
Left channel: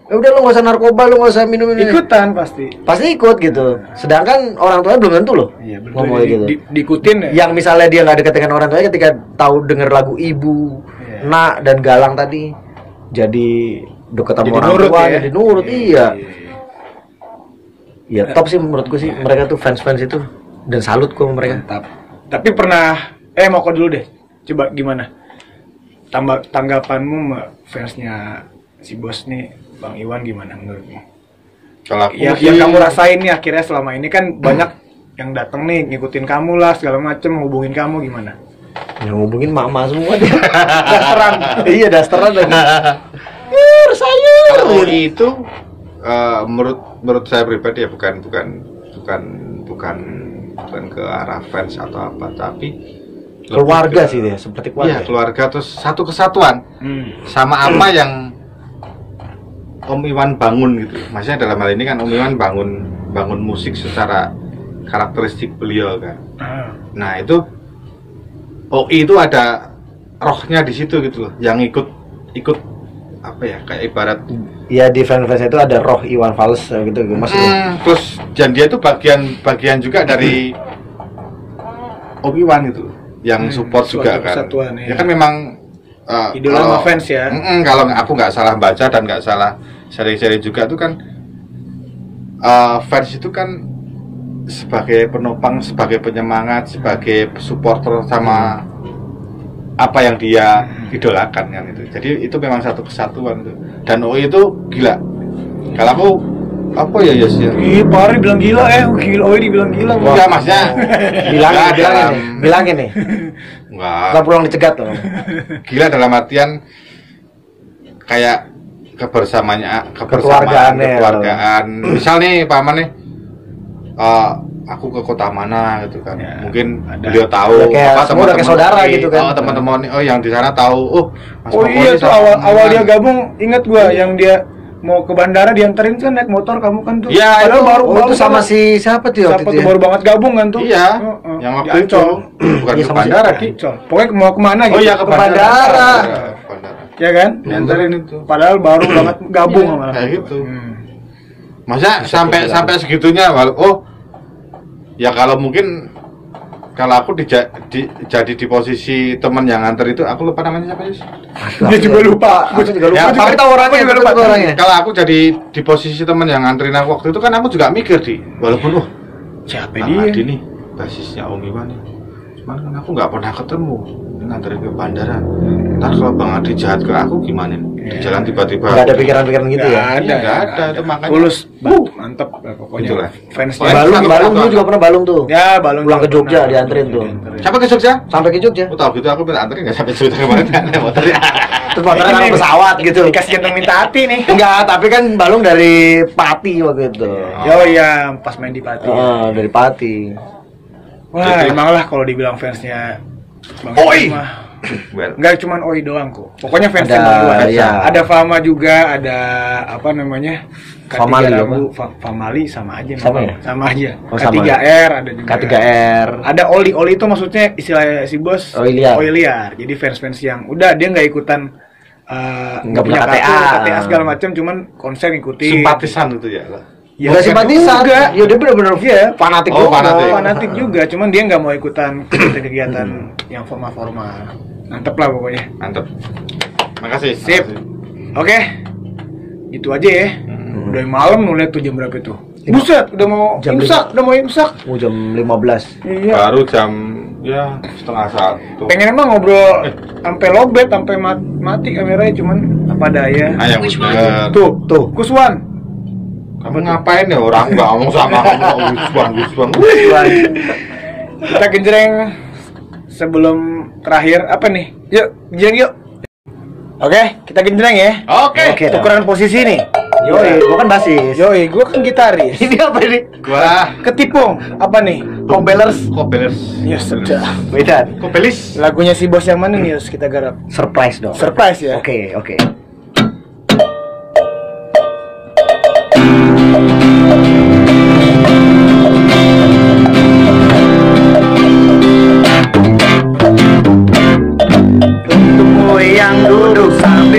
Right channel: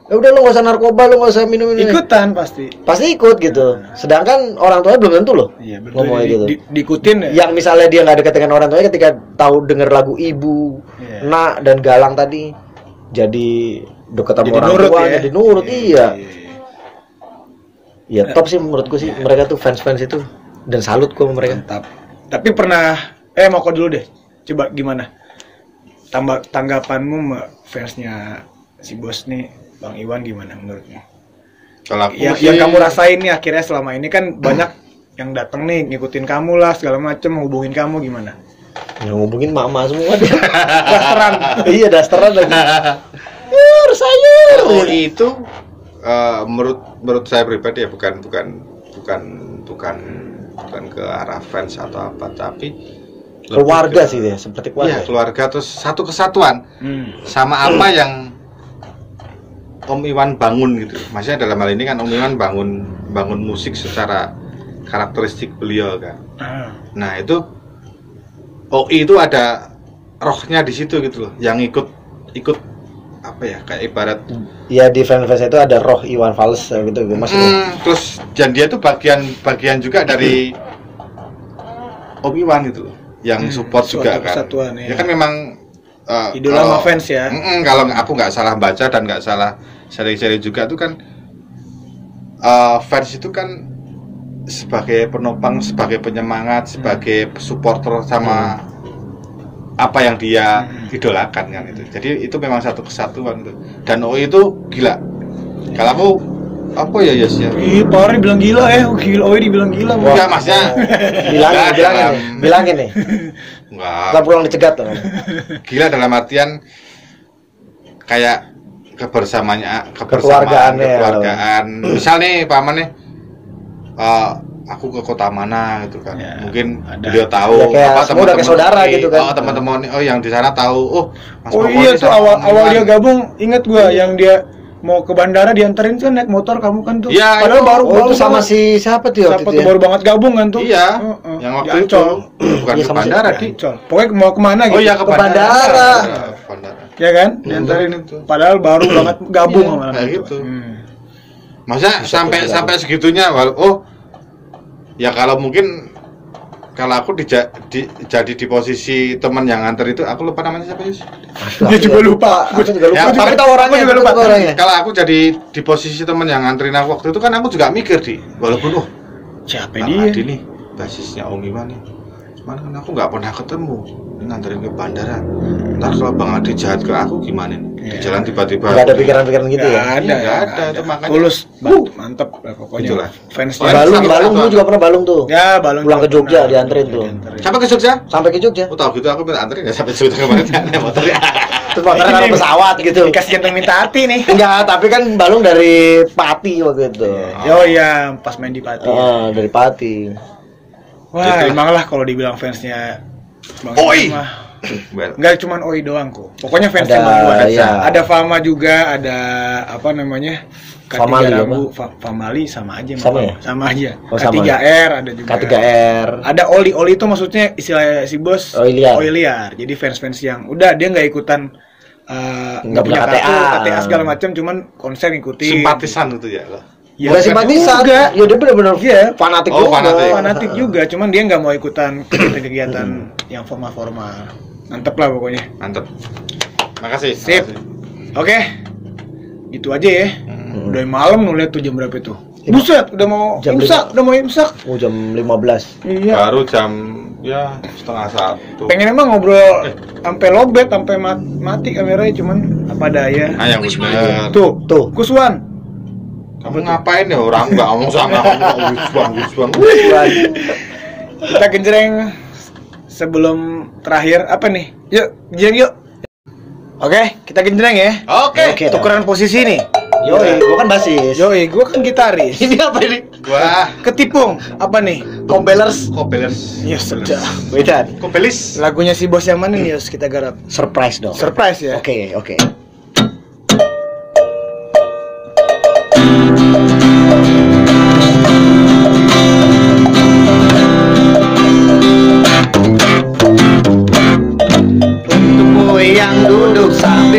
ya udah lu nggak usah narkoba, lu nggak usah minum ini. Ikutan pasti Ikut gitu. Sedangkan orang tuanya belum tentu loh. Iya, betul. Ngomong gitu. Diikutin ya. Yang misalnya dia nggak dekat dengan orang tuanya ketika tahu denger lagu Ibu, Nak dan Galang tadi, jadi deket sama orang tua, jadi nurut. Iya. Ya top sih menurutku sih, mereka tuh fans itu dan salut gua sama mereka. Mantap. Tapi pernah mau kau dulu deh. Coba gimana? Tanggapanmu fansnya si bos nih, Bang Iwan, gimana menurutmu? Kalau aku yang kamu rasain nih akhirnya selama ini kan banyak yang datang nih ngikutin kamu lah segala macem, hubungin kamu gimana? Yang hubungin mama semua dia. Dasteran. Iya, dasteran lagi. Sayur. Kalau itu menurut saya pribadi ya bukan ke arah fans atau apa, tapi keluarga sih dia, seperti keluarga. Iya, keluarga terus satu kesatuan. Sama apa yang Om Iwan bangun gitu. Maksudnya dalam hal ini kan Om Iwan bangun musik secara karakteristik beliau kan. Nah, itu OI itu ada rohnya di situ gitu loh. Yang ikut apa ya, kayak ibarat ya di fans itu ada roh Iwan Fals gitu maksudnya. Terus dan dia itu bagian juga dari Om Iwan gitu loh, yang support juga kan. Ya kan memang idola fans ya. Kalau aku nggak salah baca dan nggak salah seri-seri juga tuh kan fans itu kan sebagai penopang, sebagai penyemangat, sebagai supporter sama apa yang dia idolakan kan itu. Jadi itu memang satu kesatuan itu. Dan OI itu gila. Kalau aku apa ya Yes ya? Ih, parah dibilang gila gila OI dibilang gila. Enggak, maksudnya bilangin nih. Enggak pulang dicegat loh. Gila dalam artian kayak kebersamaan, kekeluargaan. Misal nih paman nih aku ke kota mana gitu kan, mungkin beliau tahu teman-teman kayak saudara gitu kan, teman-teman yang di sana tahu Mas iya tuh awal dia gabung, ingat gua yang dia mau ke bandara dianterin kan naik motor kamu kan tuh, ya, padahal baru sama si siapa tuh baru banget gabung kan tuh, iya yang waktu itu bukan ke bandara pokoknya mau kemana gitu, ke bandara ya kan, dianterin itu padahal baru banget gabung sama gitu. Maksudnya sampai segitunya ya kalau mungkin kalau aku jadi di posisi teman yang nganter itu, aku lupa namanya siapa sih? Gue juga lupa. Ya, kita orangnya. Kalau aku jadi di posisi teman yang nganterin aku waktu itu kan aku juga mikir walaupun siapa dia? Nih basisnya Om Iwan nih. Cuman kan aku nggak pernah ketemu, nganterin ke bandara. Ntar kalau Bang Adi jahat ke aku gimana nih? Di jalan tiba-tiba nggak ada pikiran-pikiran gitu ya? Nggak ada, itu makanya tulus, mantep pokoknya. Fans Balung dulu juga pernah Balung tuh. Ya, Balung pulang ke Jogja dianterin tuh. Sampai ke Jogja? Sampai ke Jogja. Aku tahu gitu, aku minta anterin nggak sampai Jogja kemarin motornya. Itu motornya pesawat gitu. Kasih jantung minta hati nih. Enggak, tapi kan Balung dari Pati waktu itu. Oh iya, pas main di Pati. Dari Pati. Wah, emang lah kalau dibilang fansnya Bang Oi mah nggak cuman Oi doang kok. Pokoknya fansnya Bang gua. Ada Fama juga, ada apa namanya? Famali sama aja. Sama aja. K3R ada juga. K3R. Ada Oli itu maksudnya istilah si bos Oi liar. Jadi fans yang udah dia nggak ikutan nggak punya KTA segala macam, cuman konser ngikutin. Simpatisan itu ya. Ya, simpatisan juga. Ya dia benar-benar fanatik juga. Fanatik juga, cuman dia nggak mau ikutan kegiatan yang formal. Mantep lah pokoknya. Mantep. Makasih. Sip. Oke. Gitu aja ya. Udah malam lihat tuh jam berapa itu? Buset, udah mau imsak. Oh, jam 15. Iya. Baru jam ya 1:30. Pengen emang ngobrol sampai lobet, sampai mati kameranya, cuman apa daya. Yang bener. Tuh, Kuswan. Kamu ngapain ya, orang nggak ngomong sama Gusbang. Kita genjreng sebelum terakhir apa nih? Yuk, genjreng yuk. Oke, kita genjreng ya. Oke. Tukeran posisi nih. Yoi, gua kan basis. Yoi, gua kan gitaris. Ini apa ini? Gua ketipung. Apa nih? Kobelers. Ya sudah. Beda. Kobelis. Lagunya si bos yang mana nih, Yus? Kita garap. Surprise dong. Surprise ya. Oke. Untukmu yang duduk sampai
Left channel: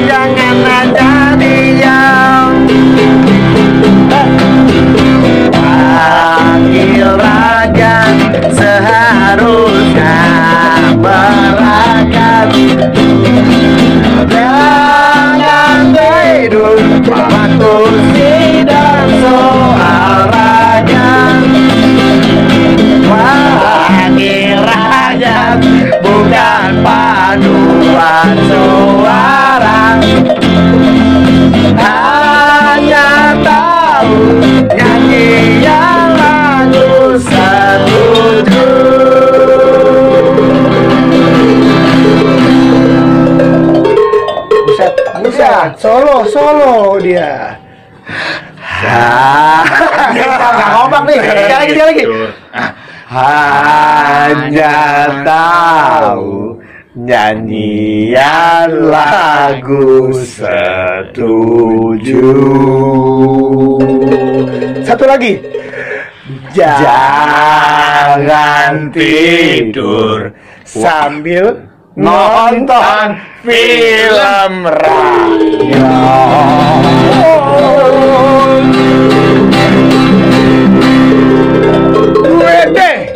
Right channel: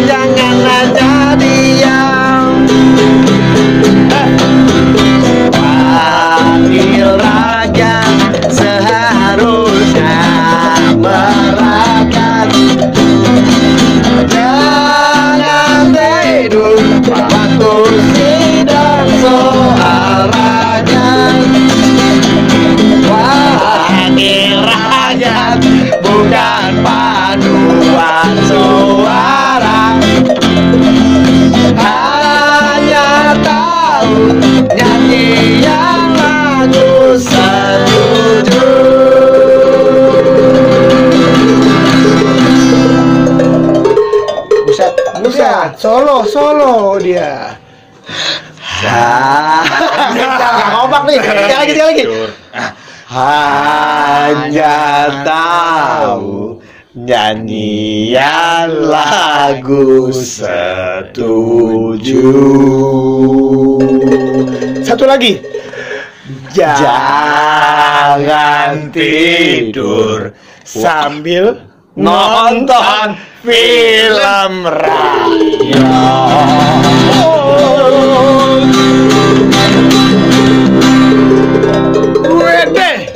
jangan aja diam. Panggil raja seharusnya merakat. Jangan tidur waktu sidang soal raja. Panggil raja bukan paduan suara, hanya tahu nyanyi yang lagu setuju. Buset, solo dia. Nggak kompak nih. Sekali lagi. Hanya tahu nyanyian lagu setuju. Satu lagi. Jangan tidur sambil nonton film Wede.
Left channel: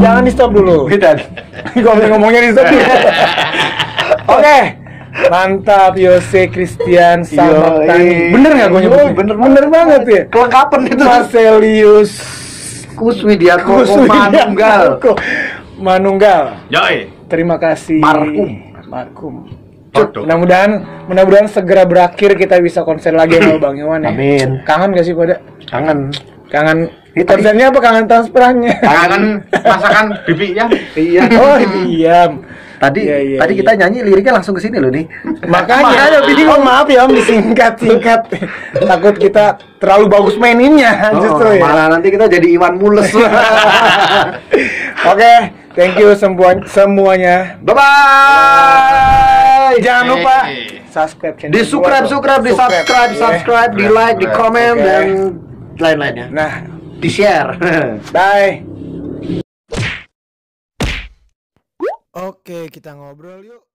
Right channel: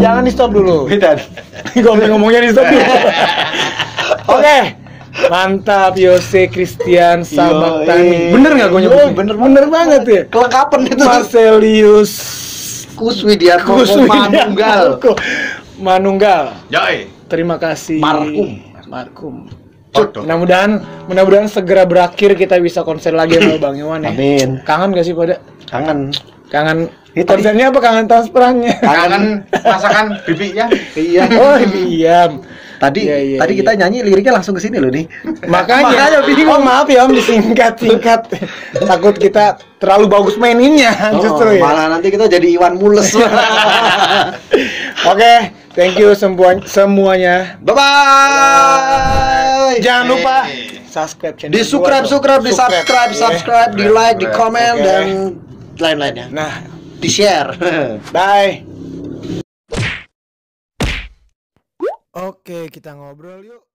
Jangan di stop dulu. Ngomongnya di stop dulu. Oke. Mantap Yose Christian sama Tani. Bener nggak gue nyebutnya? Bener banget ya. Kelengkapan itu. Marcelius Kuswidiarko Manunggal. Yoi. Terima kasih. Markum. Waduh. Mudah-mudahan segera berakhir, kita bisa konser lagi sama Bang Iwan ya. Amin. Kangen gak sih pada? Kangen. Konsernya apa? Kangen transferannya? Kangen masakan bibi ya. Iya. Oh diam. Tadi Iya. kita nyanyi liriknya langsung ke sini loh nih. Makanya bingung. Maaf ya Om, disingkat. Takut kita terlalu bagus maininnya justru ya. Malah nanti kita jadi Iwan Mules. Oke, thank you semuanya. Bye bye. Jangan lupa subscribe channel Di subscribe, di like, di komen dan lain-lainnya. Nah, Di share. bye. Oke, kita ngobrol yuk.